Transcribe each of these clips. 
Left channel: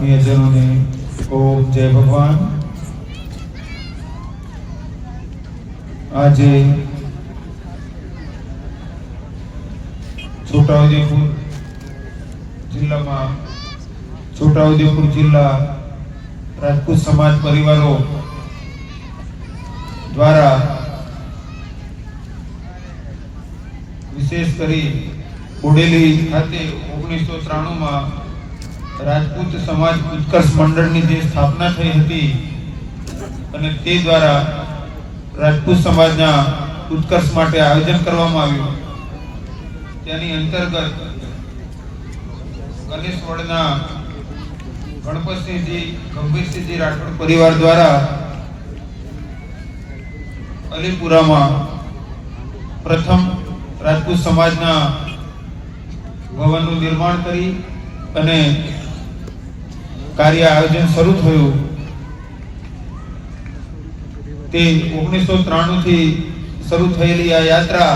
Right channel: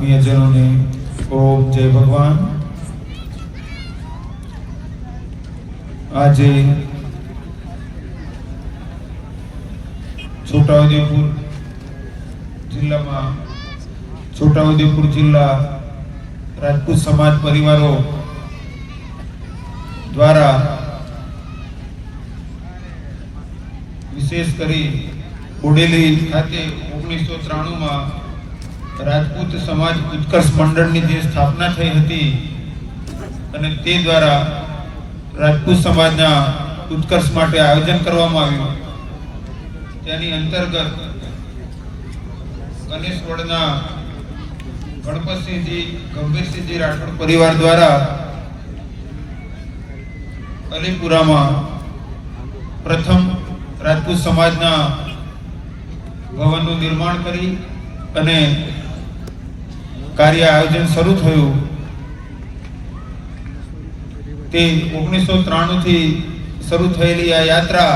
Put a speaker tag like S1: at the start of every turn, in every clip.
S1: સર્વે આત્મીયજનોને ઓમ જય ભગવાન આજે છોટાઉદેપુર જિલ્લામાં છોટાઉદેપુર જિલ્લા રાજપૂત સમાજ પરિવારો દ્વારા વિશેષ કરી બોડેલી ખાતે ઓગણીસો ત્રાણુંમાં રાજપૂત સમાજ ઉત્કર્ષ મંડળની જે સ્થાપના થઈ હતી અને તે દ્વારા રાજપૂત સમાજના ઉત્કર્ષ માટે આયોજન કરવામાં આવ્યું. તેની અંતર્ગત ગણેશવડના ગણપતસિંહજી, ગંભીરસિંહજી રાઠોડ પરિવાર દ્વારા અલીપુરામાં પ્રથમ રાજપૂત સમાજના ભવનનું નિર્માણ કરી અને કાર્ય આયોજન શરૂ થયું. તે ઓગણીસો ત્રાણું થી શરૂ થયેલી આ યાત્રા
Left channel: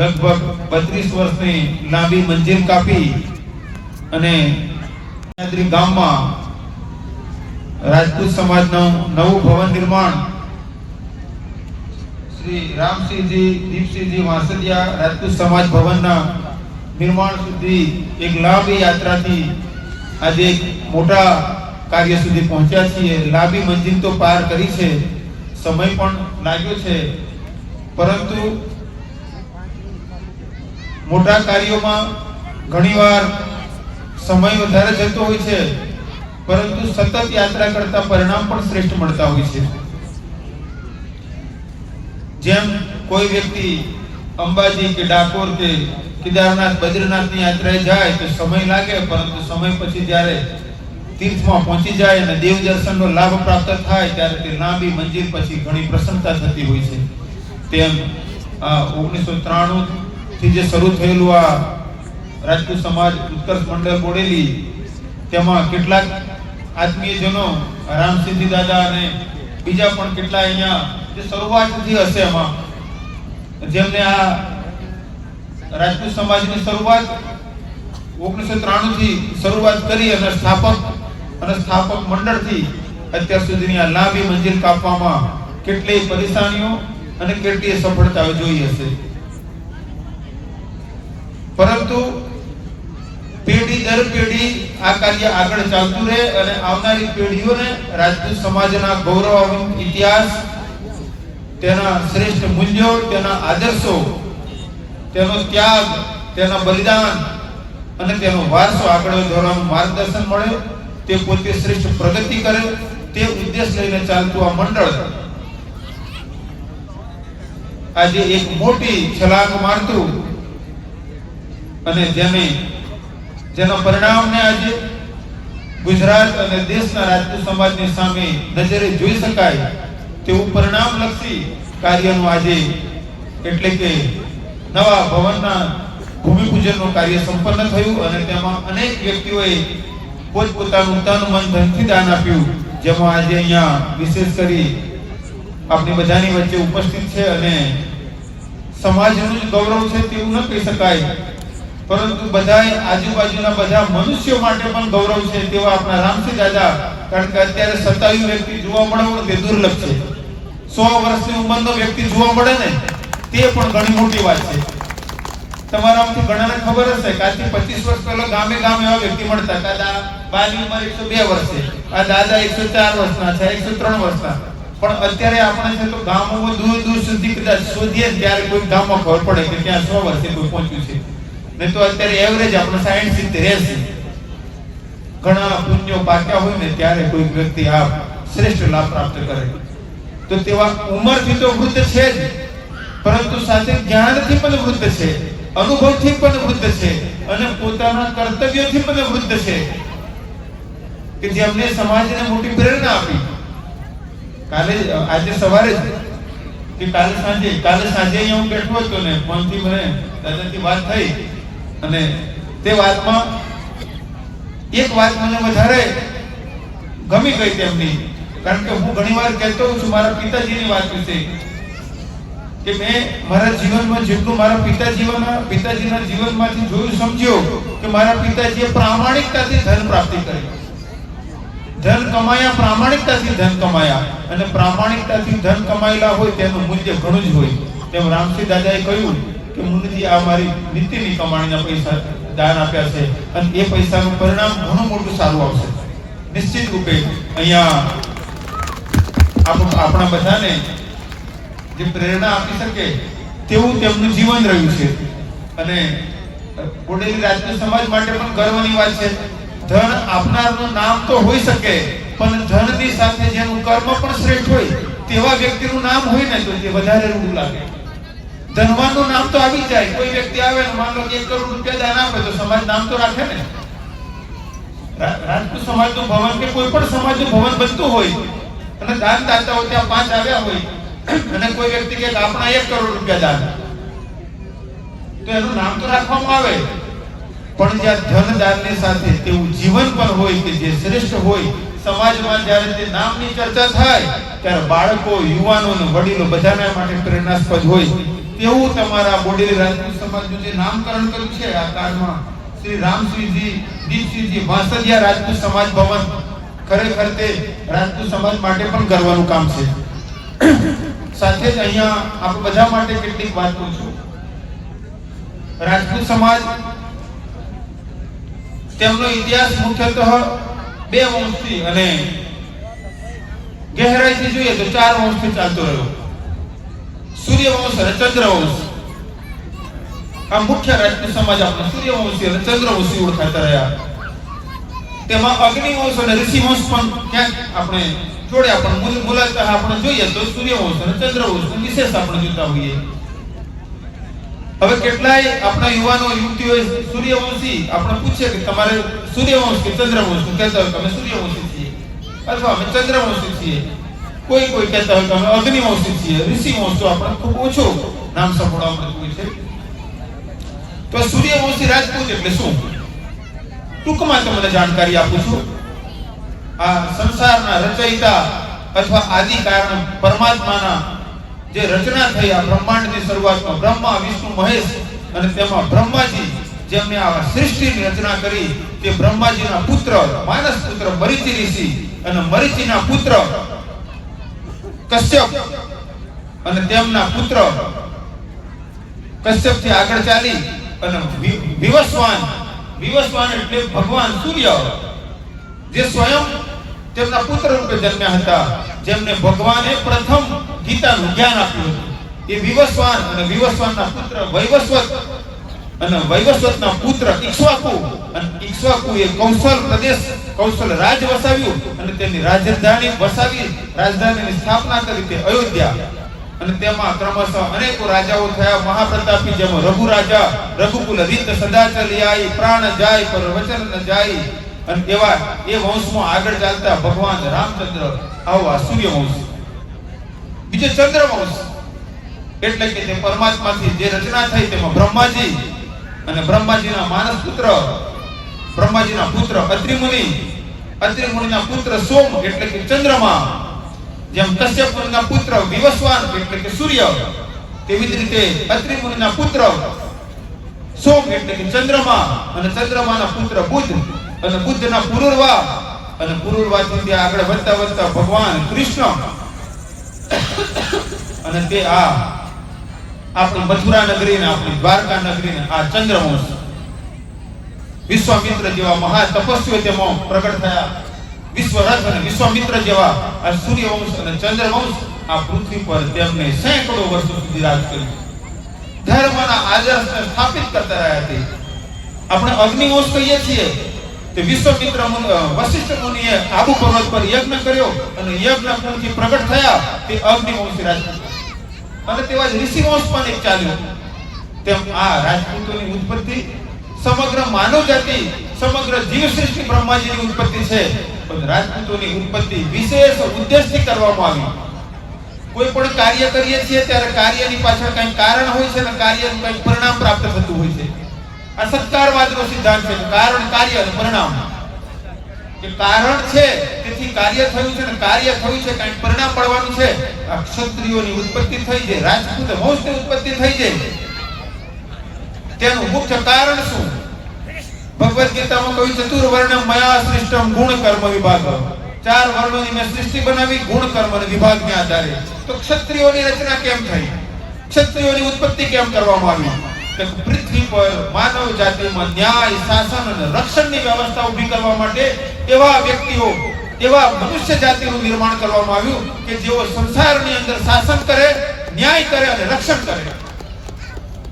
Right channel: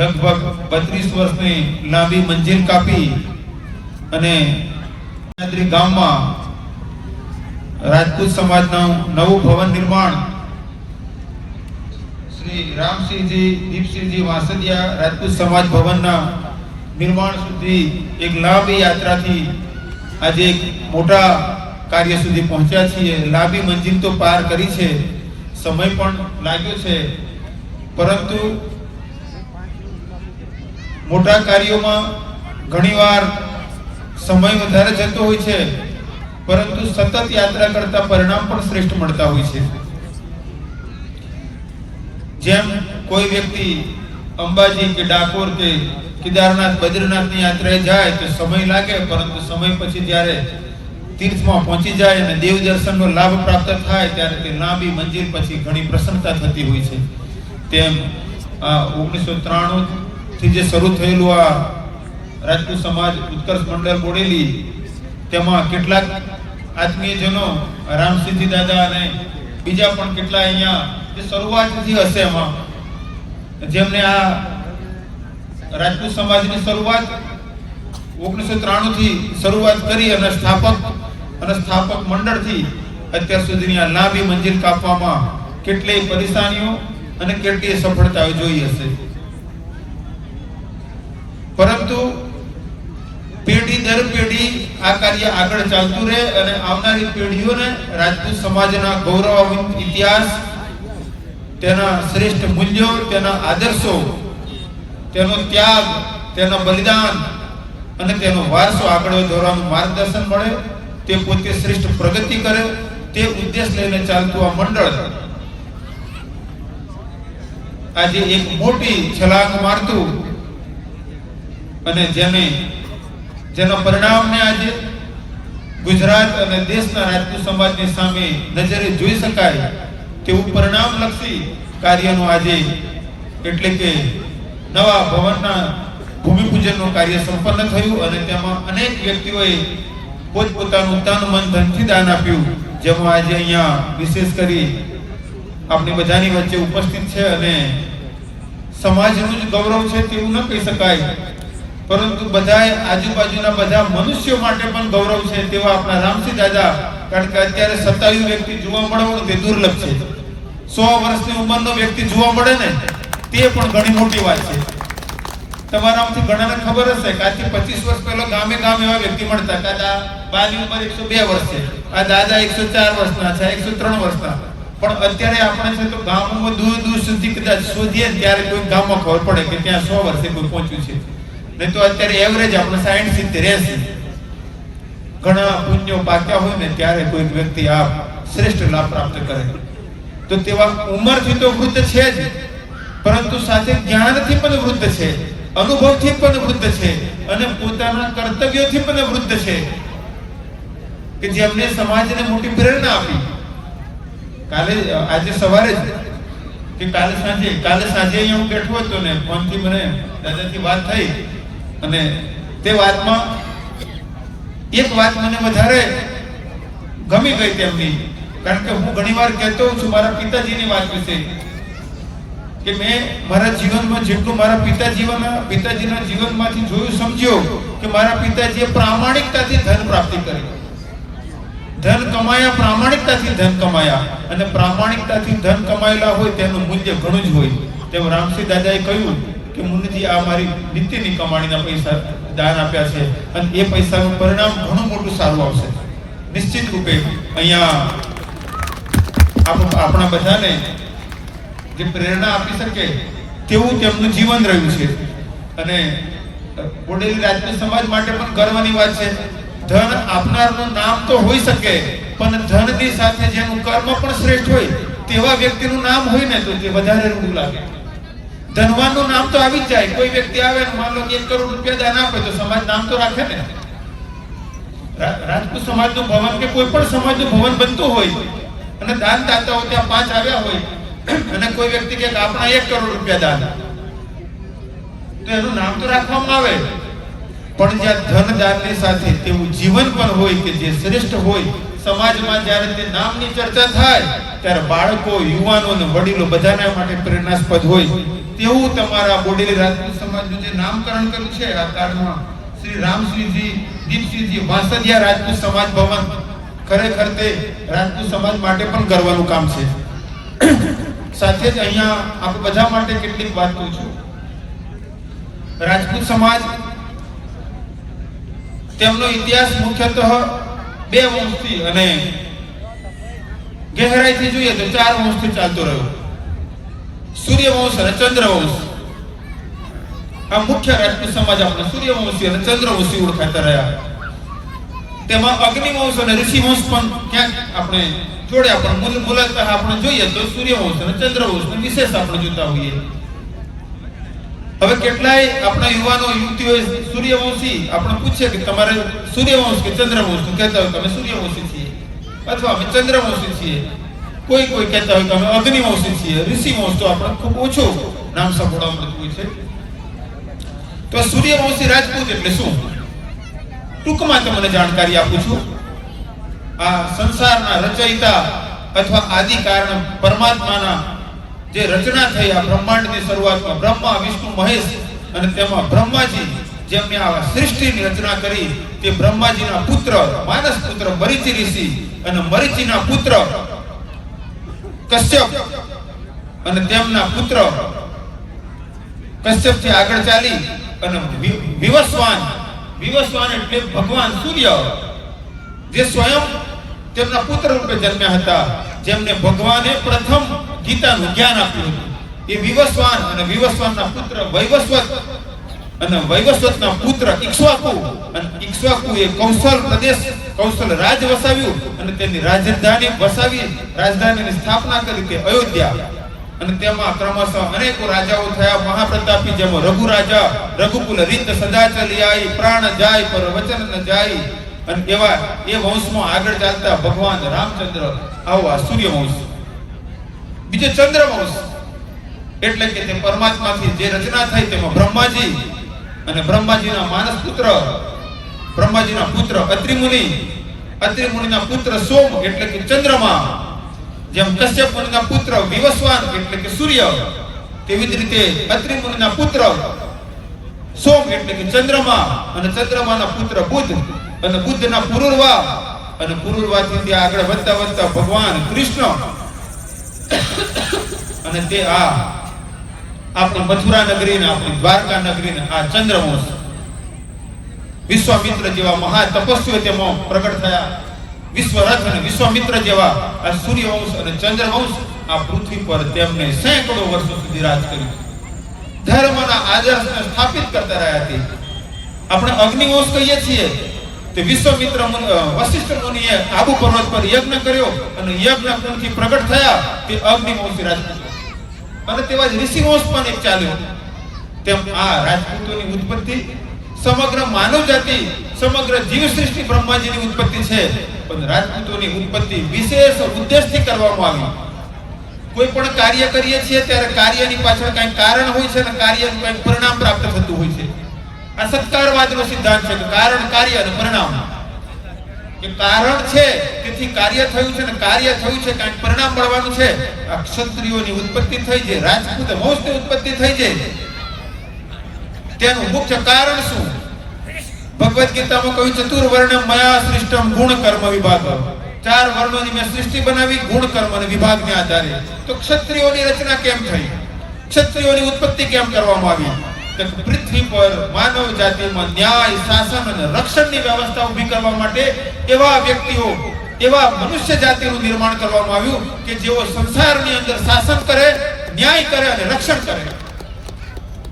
S1: લગભગ બત્રીસ વર્ષની લાંબી મંજિલ કાપી અને ગામમાં રાજપૂત સમાજનું નવું ભવન નિર્માણ શ્રી રામસિંહજી, દીપસિંહજી વાસદિયા રાજપૂત સમાજ ભવનના નિર્માણ સુધી એક લાંબી યાત્રાથી આજે એક મોટા કાર્ય સુધી પહોંચ્યા છીએ. લાંબી મંજિલ તો પાર કરી છે. સમય પણ લાગ્યો છે. પરંતુ મોટા કાર્યોમાં ઘણીવાર સમય વધારે જતો હોય છે. પરંતુ સતત યાત્રા કરતા પરિણામ પણ શ્રેષ્ઠ મળતા હોય છે. જેમ કોઈ વ્યક્તિ અંબાજી કે ડાકોર કે કેદારનાથ, બદ્રીનાથની યાત્રાએ જાય તો સમય લાગે, પરંતુ સમય પછી જ્યારે તીર્થમાં પહોંચી જાય અને દેવ દર્શનનો લાભ પ્રાપ્ત થાય ત્યારે તે લાંબી મંજિલ પછી ઘણી પ્રસન્નતા થતી હોય છે. તેમ ઓગણીસો ત્રાણું થી જે શરૂ થયેલું આ રાજપૂત સમાજ ઉત્કર્ષ મંડળ બોડેલી, તેમાં કેટલાક આત્મીયજનો રામસિદ્ધિ દાદા અને બીજા પણ કેટલા અહીંયા, જે શરૂઆતથી હશે એમાં જેમને આ રાજપૂત સમાજની શરૂઆત ઓગણીસો ત્રાણું થી શરૂઆત કરી અને સ્થાપક અને સ્થાપક મંડળથી અત્યાર સુધીની આ લાંબી મંજિલ કાપવામાં કેટલી પરેશાનીઓ અને કેટલી સફળતાઓ જોઈ હશે. પરંતુ પેઢી દર પેઢી આ કાર્ય આગળ ચાલતું રહે અને આવનારી પેઢીઓને રાજપૂત સમાજના ગૌરવ ઇતિહાસ, તેના શ્રેષ્ઠ મૂલ્યો, તેના આદર્શો તેનો ત્યાગ, તેના બલિદાન અને તેનો વારસો આગળ વધારવાનું માર્ગદર્શન મળે, તે પોતે શ્રેષ્ઠ પ્રગતિ કરે, તે ઉદ્દેશ લઈને ચાલતું આ મંડળ આજે એક મોટી છલાંગ મારતું અને જેને, જેના પરિણામને આજે ગુજરાત અને દેશના રાજપૂત સમાજની સામે નજરે જોઈ શકાય, તેવું પરિણામલક્ષી કાર્યનું આજે એટલે કે નવા ભવનના ભૂમિપૂજનનું કાર્ય સંપન્ન થયું અને તેમાં અનેક વ્યક્તિઓએ પોતપોતાનું તન, મન, ધનથી દાન આપ્યું, જેમાં આજે અહીંયા વિશેષ કરી આપણી બધાની વચ્ચે ઉપસ્થિત છે અને સમાજનું ગૌરવ છે તેવું ન કહી શકાય. પરંતુ બધા આજુબાજુના બધા મનુષ્યો માટે પણ ગૌરવ છે તેવા આપણા રામસિંહ દાદા, કારણ કે અત્યારે સત્તાવીસ વ્યક્તિ જોવા મળે તે દુર્લભ છે. સો વર્ષની ઉંમરનો વ્યક્તિ જોવા મળે ને તે પણ ઘણી મોટી વાત છે. તમારામાંથી ઘણાને ખબર હશે કે આજથી પચીસ વર્ષ પહેલા ગામે ગામે એવા વ્યક્તિ મળતા. દાદા બાની ઉંમર એકસો બે વર્ષ આ દાદા એકસો ચાર વર્ષના છે, એકસો ત્રણ વર્ષના. પણ અત્યારે આપણે છે તો ગામોમાં દૂર દૂર સુધી કદાચ શોધીએ ત્યારે કોઈ ગામમાં ખબર પડે કે ત્યાં સો વર્ષે કોઈ પહોંચ્યું છે. નહીં તો અત્યારે એવરેજ આપણે સાઈઠ, સિત્તેર, એસી. ઘણા પુણ્યો પાક્યા હોય ને ત્યારે કોઈ વ્યક્તિ આ શ્રેષ્ઠ લાભ પ્રાપ્ત કરે. તો તેવા ઉંમરથી તો વૃદ્ધ છે જ. પરંતુ સાથે જ્ઞાનથી પણ વૃદ્ધ છે, અનુભવથી પણ વૃદ્ધ છે અને પોતાના કર્તવ્યથી પણ વૃદ્ધ છે કે જેમને સમાજને મોટી પ્રેરણા આપી. કાલે, આજે સવારે કે કાલે સાંજે કાલે સાંજે અહીંયા હું બેઠો હતો ને, ફોનથી મને દાદાથી વાત થઈ અને તે વાતમાં એક વાત મને વધારે ગમી ગઈ તેમની. કારણ કે હું ઘણી વાર કહેતો છું, મારા પિતાજીની વાત વિશે. કે મેં મારા જીવનમાં જેટલું મારા પિતાજીના પિતાજીના જીવનમાંથી જોયું, સમજ્યો કે મારા પિતાજીએ પ્રામાણિકતાથી ધન પ્રાપ્તિ કરી. ધન કમાયા, પ્રામાણિકતાથી ધન કમાયા. અને પ્રામાણિકતાથી ધન કમાયેલા હોય તેનું મૂલ્ય ઘણું જ હોય. તેમ રામસિંહ દાદાએ કહ્યું કે, મુનિજી, આ મારી નીતિની કમાણીના પૈસા દાન આપ્યા છે અને એ પૈસાનું પરિણામ ઘણું મોટું સારું આવશે. નિશ્ચિત રૂપે અહીંયા આપણા બધાને જે પ્રેરણા આપી શકે તેવું તેમનું જીવન રહ્યું છે. અને બોડેલી રાજપૂત સમાજ માટે પણ ગર્વની વાત છે. ધન આપનારનું નામ તો હોઈ શકે, પણ ધનની સાથે જેનું કર્મ પણ શ્રેષ્ઠ હોય, તેવા વ્યક્તિનું નામ હોય ને તો તે વધારે રૂપ લાગે. ધનવાનનું નામ તો આવી જાય. કોઈ વ્યક્તિ આવે ને માન લો એક કરોડ રૂપિયા દાન આપે તો સમાજ નામ તો રાખે ને. રા- રાજપૂત સમાજનું ભવન કે કોઈ પણ સમાજનું ભવન બનતું હોય, અને દાન દાતાઓ ત્યાં પાંચ આવ્યા હોય અને કોઈ વ્યક્તિ કે આપણા એક કરોડ રૂપિયા દાન. તો એનું નામ તો રાખવામાં આવે. પણ જ્યાં ધન દાનની સાથે તેવું જીવન પણ હોય કે જે શ્રેષ્ઠ હોય, સમાજમાં જ્યારે તે નામની ચર્ચા થાય, ત્યારે બાળકો, યુવાનો અને વડીલો બધાના માટે પ્રેરણાસ્પદ હોય. તેવું તમારા બોડેલી રાજપૂત સમાજનું જે નામકરણ કર્યું છે, આ કાળમાં શ્રી રામસિંહજી, દીપસિંહજી વાસદિયા રાજપૂત સમાજ ભવન ખરેખર તે રાજપૂત સમાજ માટે પણ ગર્વનું કામ છે. સાથે જ અહીંયા આપ બધા માટે કેટલીક વાત કહું છું. રાજપૂત સમાજ, તેમનો ઇતિહાસ મુખ્યતઃ બે વંશથી અને ગહેરાઈથી જોઈએ તો ચાર વંશથી ચાલતો રહ્યો. સૂર્યવંશ અને ચંદ્રવંશ આ મુખ્ય રાજપૂત સમાજ આપણે સૂર્યવંશી અને ચંદ્રવંશી ઓળખાતા રહ્યા. તેમાં અગ્નિવંશ અને ઋષિવંશ પણ ક્યાંક આપણે જોડ્યા પણ મૂલ આપણે જોઈએ તો સૂર્યવંશ અને ચંદ્રવંશ વિશેષ આપણે જોતા હોઈએ. હવે કેટલાય આપણા યુવાનો યુવતીઓ સૂર્યવંશી આપણે પૂછીએ કે તમારે સૂર્યવંશ કે ચંદ્રવંશ કહેતા હોય અમે સૂર્યવંશી છીએ? અથવા અમે ચંદ્રવંશી છીએ? કોઈ કોઈ કહેતા હોય કે અમે અગ્નિવંશી છીએ, ઋષિવંશ તો આપણે ખૂબ ઓછો નામ સંભળાવ મળતું છે. તો સૂર્યવંશી રાજપૂત એટલે શું? ટૂંકમાં તમને જાણકારી આપું છું. આ સંસારના રચયિતા અથવા આદિ કારણ પરમાત્માના જે રચના થઈ આ બ્રહ્માંડની શરૂઆતમાં બ્રહ્મા, વિષ્ણુ, મહેશ અને તેમાં બ્રહ્માજી જેમને આ સૃષ્ટિની રચના કરી તે બ્રહ્માજીના પુત્ર, માનસ પુત્ર, મરીચી ઋષિ અને મરીચીના પુત્ર કશ્યપ અને તેમના પુત્ર કશ્યપથી આગળ ચાલી અને વિવસ્વાન વિવસ્વાન એટલે ભગવાન સૂર્ય. જે સ્વયં તેમના પુત્ર રૂપે જન્મ્યા હતા, જેમને ભગવાને પ્રથમ ગીતાનું જ્ઞાન આપ્યું એ વિવસ્વાન અને વિવસ્વાનના પુત્ર, વૈવસ્વત અને વૈવસ્વતના પુત્ર ઈક્ષ્વાકુ. અને ઈક્ષ્વાકુ એ કૌશલ પ્રદેશ, કૌશલ રાજ વસાવ્યું અને તેની રાજધાની વસાવી, રાજધાનીની સ્થાપના કરી તે અયોધ્યા. અને તેમાં ક્રમશઃ અનેકો રાજાઓ થયા, મહાપ્રતાપી જેમ રઘુ રાજા રઘુકુલ રીત સદા પ્રાણ જાય, પર વચન જાય અને એવા એ વંશમાં આગળ ચાલતા ભગવાન રામચંદ્ર, આવો સૂર્યવંશ. બીજો ચંદ્રવંશ, એટલે કે તે પરમાત્માથી જે રચના થઈ તેમાં બ્રહ્માજી અને બ્રહ્માજીના માનસ પુત્ર, બ્રહ્માજીના પુત્ર અત્રિમુનિ, અત્રિમુનિના પુત્ર સોમ, એટલે કે ચંદ્રમા, જેમ કશ્યપ મુનિના પુત્ર વિવસ્વાન, એટલે કે સૂર્ય, તેવી જ રીતે અત્રિ મુનિના પુત્ર સોમ, એટલે કે ચંદ્રમા, અને ચંદ્રમાના પુત્ર બુધ. અને બુદ્ધના પુરુર્વા અને પુરુરવાથી ત્યાં આગળ વધતા વધતા ભગવાન કૃષ્ણ અને તે આ આપણી મથુરા નગરી ને આપણી દ્વારકા નગરી ને આ ચંદ્રવંશ વિશ્વામિત્ર જેવા મહા તપસ્વીઓ તેમાં પ્રગટ થયા. વિશ્વરથ અને વિશ્વામિત્ર જેવા આ સૂર્યવંશ અને ચંદ્રવંશ આ પૃથ્વી પર તેમને સેંકડો વર્ષો સુધી રાજ કર્યું. ધર્મના આદર્શને સ્થાપિત કરતા રહ્યા છે. આપણે અગ્નિવંશ કહીએ છીએ. તે વિશ્વમિત્ર વશિષ્ઠ મુનિએ આબુ પર્વત પર યજ્ઞ કર્યો અને યજ્ઞ કુંડથી પ્રગટ થયા તે અગ્નિવંશી રાજપૂત અને તેવા જ ઋષિવંશ પણ એક ચાલ્યો. તેમ આ રાજપૂતોની ઉત્પત્તિ સમગ્ર માનવ જાતિ, સમગ્ર જીવ સૃષ્ટિ બ્રહ્માજીની ઉત્પત્તિ છે. પણ રાજપૂતોની ઉત્પત્તિ વિશેષ ઉદ્દેશથી કરવામાં આવી. કોઈ પણ કાર્ય કરીએ છીએ ત્યારે કાર્યની પાછળ કંઈક કારણ હોય છે અને કાર્યનું કંઈક પરિણામ પ્રાપ્ત થતું હોય છે. આ સત્કારવાદનો સિદ્ધાંત છે. કારણ, કાર્ય અને પરિણામ. કે કારણ છે, તેથી કાર્ય થયું છે ને કાર્ય થયું છે કારણ પરિણામ મળવાનું છે. આ ક્ષત્રિયોની ઉત્પત્તિ થઈ છે, રાજપૂત વંશની ઉત્પત્તિ થઈ છે. તેનું મુખ્ય કારણ શું? ભગવદ ગીતામાં કહ્યું ચતુર્વર્ણ માયા સૃષ્ટમ ગુણ કર્મ વિભાગ. ચાર વર્ણોની મેં સૃષ્ટિ બનાવી, ગુણ કર્મ વિભાગ વિભાગને આધારે. તો ક્ષત્રિયોની રચના કેમ થઈ? ક્ષત્રિયોની ઉત્પત્તિ કેમ કરવામાં આવી? કે પૃથ્વી પર માનવ જાતિમાં ન્યાય, શાસન અને રક્ષણની વ્યવસ્થા ઊભી કરવા માટે એવા વ્યક્તિઓ, એવા મનુષ્ય જાતિનું નિર્માણ કરવામાં આવ્યું કે જેઓ સંસારની અંદર શાસન કરે, ન્યાય કરે અને રક્ષણ કરે.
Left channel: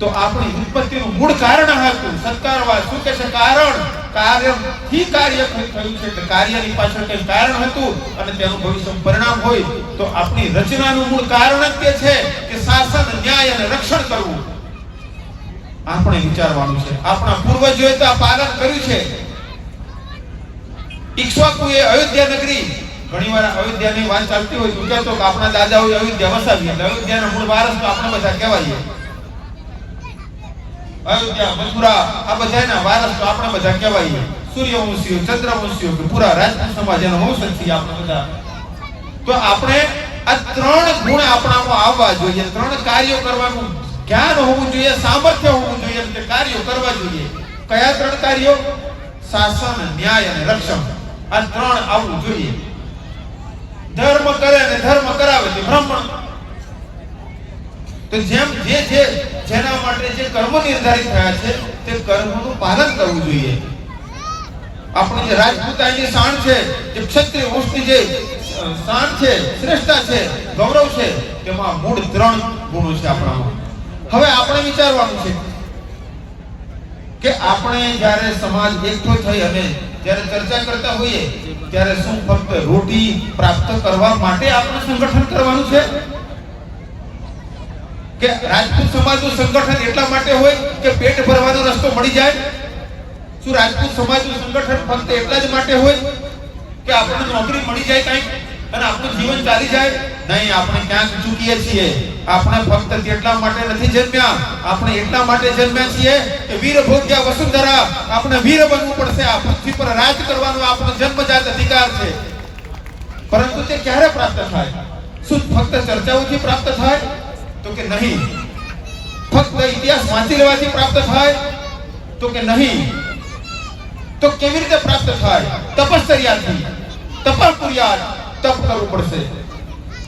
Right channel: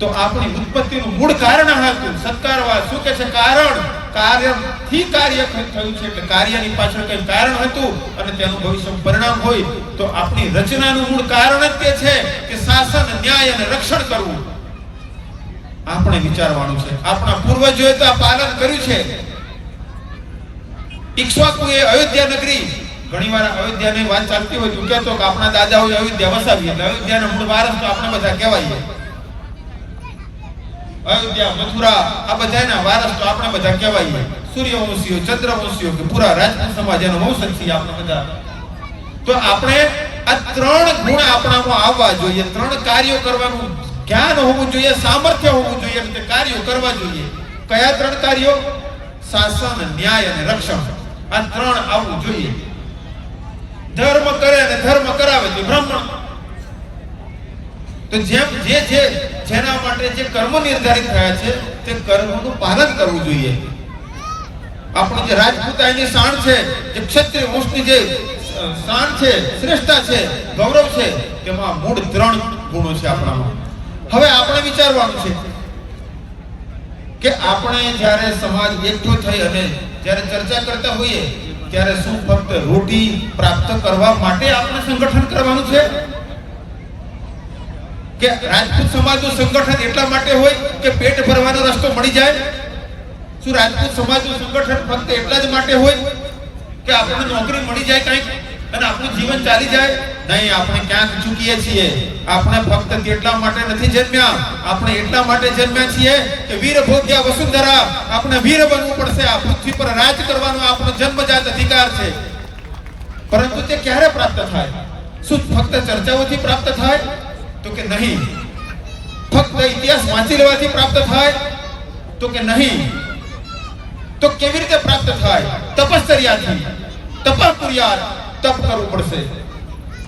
S1: તો આપણી ઉત્પત્તિનું મૂળ કારણ હતું. સત્કારવાદ શું કે છે? કારણ. કાર્યથી કાર્ય થયું છે કે કાર્યની પાછળ કંઈ કારણ હતું અને તેનું ભવિષ્ય પરિણામ હોય, તો આપણી રચનાનું મૂળ કારણ જ તે છે કે શાસન, ન્યાય અને રક્ષણ કરવું. આપણે વિચારવાનું છે. આપણા પૂર્વજોએ તો આ પાલન કર્યું છે. ઈક્ષ્વાકુએ અયોધ્યા નગરી, ઘણીવાર અયોધ્યાની વાત ચાલતી હોય, તું કહેતો કે આપણા અયોધ્યા વસાવી, એટલે મૂળ વારસ તો આપણે બધા કહેવાય અયોધ્યા, મથુરા, આ બધાના વારસ તો આપણે બધા કહેવાય સૂર્યવંશીઓ, ચંદ્રવંશીઓ પૂરા રાજપૂત સમાજ, એના વંશજ આપણે બધા. તો આપણે આ ત્રણ ગુણ આપણામાં આવવા જોઈએ, ત્રણ કાર્યો કરવાનું જ્ઞાન હોવું જોઈએ, સામર્થ્ય હોવું જોઈએ તે કાર્યો કરવા જોઈએ. કયા ત્રણ કાર્યો? શાસન, ન્યાય અને રક્ષણ. આ ત્રણ આવવું જોઈએ. ધર્મ કરે અને ધર્મ કરાવે તે બ્રાહ્મણ તો જેમ જે જે જેના માટે જે કર્મ નિર્ધારિત થયા છે, તે કર્મનું પાલન કરવું જોઈએ. આપણું જે રાજપૂતાની શાન છે, જે ક્ષત્રિય વંશની જે શાન છે, શ્રેષ્ઠતા છે, ગૌરવ છે, તેમાં મૂળ ત્રણ ગુણો છે આપણામાં. હવે આપણે વિચારવાનું છે કે આપણે જ્યારે સમાજ એકઠો થઈ અને જ્યારે ચર્ચા કરતા હોઈએ, ત્યારે શું ફક્ત રોટી પ્રાપ્ત કરવા માટે આપણે સંગઠન કરવાનું છે? કે રાજપૂત સમાજનું સંગઠન એટલા માટે હોય કે પેટ ભરવાનો રસ્તો મળી જાય? શું રાજપૂત સમાજનું સંગઠન ફક્ત એટલા જ માટે હોય કે આપણને નોકરી મળી જાય કંઈક અને આપણું જીવન ચાલી જાય? નહીં આપણે ક્યાંક ચૂકીએ છીએ આપણે ફક્ત તેટલા માટે નથી જન્મ્યા આપણે એટલા માટે જન્મ્યા છીએ કે વીર ભોગ્યા વસુંધરા આપણે વીર બનવું પડશે, આ પૃથ્વી પર રાજ કરવાનો આપણો જન્મજાત અધિકાર છે. પરંતુ તે ક્યારે પ્રાપ્ત થાય? શું ફક્ત ચર્ચાઓથી પ્રાપ્ત થાય? તો કે નહીં. ફક્ત ઇતિહાસ વાંચી લેવાથી પ્રાપ્ત થાય? તો કે નહીં. તો કેવી રીતે પ્રાપ્ત થાય? તપશ્ચર્યાથી તપસ્યા તપ કરવું પડશે.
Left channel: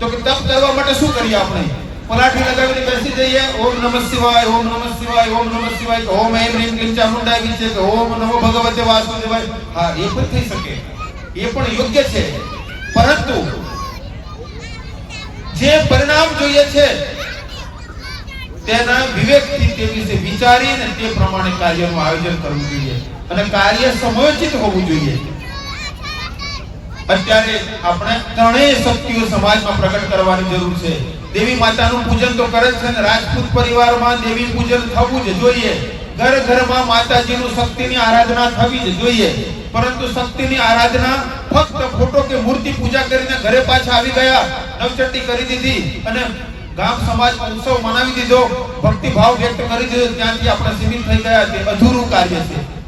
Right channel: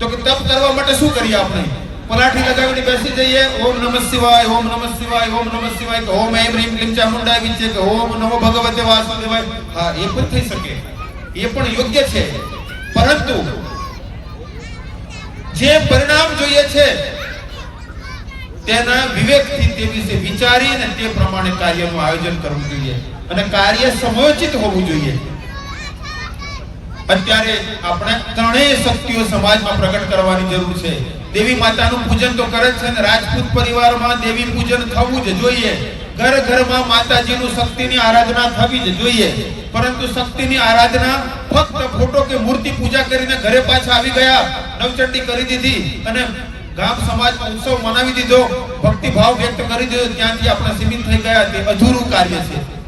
S1: તો કે તપ કરવા માટે શું કરીએ આપણે? પલાઠી લગાવીને બેસી જઈએ, ઓમ નમઃ શિવાય, ઓમ નમઃ શિવાય, ઓમ નમઃ શિવાય ઓમ એમ રીમ ક્લીમ ચામુંડાય વિચે કે ઓમ નમો ભગવતે વાસુદેવાય. હા, એ પણ થઈ શકે. એ પણ યોગ્ય છે. પરંતુ જે પરિણામ જોઈએ છે, તેના વિવેકથી તે વિશે વિચારીને તે પ્રમાણે કાર્યનું આયોજન કરવું જોઈએ. અને કાર્ય સમયોચિત હોવું જોઈએ. અત્યારે આપણે ત્રણેય શક્તિઓ સમાજમાં પ્રગટ કરવાની જરૂર છે. દેવી માતાનું પૂજન તો કરે છે ને, રાજપૂત પરિવારમાં દેવી પૂજન થવું જ જોઈએ. ઘર ઘરમાં માતાજીનું શક્તિની આરાધના થવી જ જોઈએ. પરંતુ શક્તિની આરાધના ફક્ત ફોટો કે મૂર્તિ પૂજા કરીને ઘરે પાછા આવી ગયા, નવચંડી કરી દીધી અને ગામ સમાજ ઉત્સવ મનાવી દીધો. ભક્તિ ભાવ વ્યક્ત કરી દીધો. ત્યાંથી આપણે સીમિત થઈ ગયા. તે અધૂરું કાર્ય છે.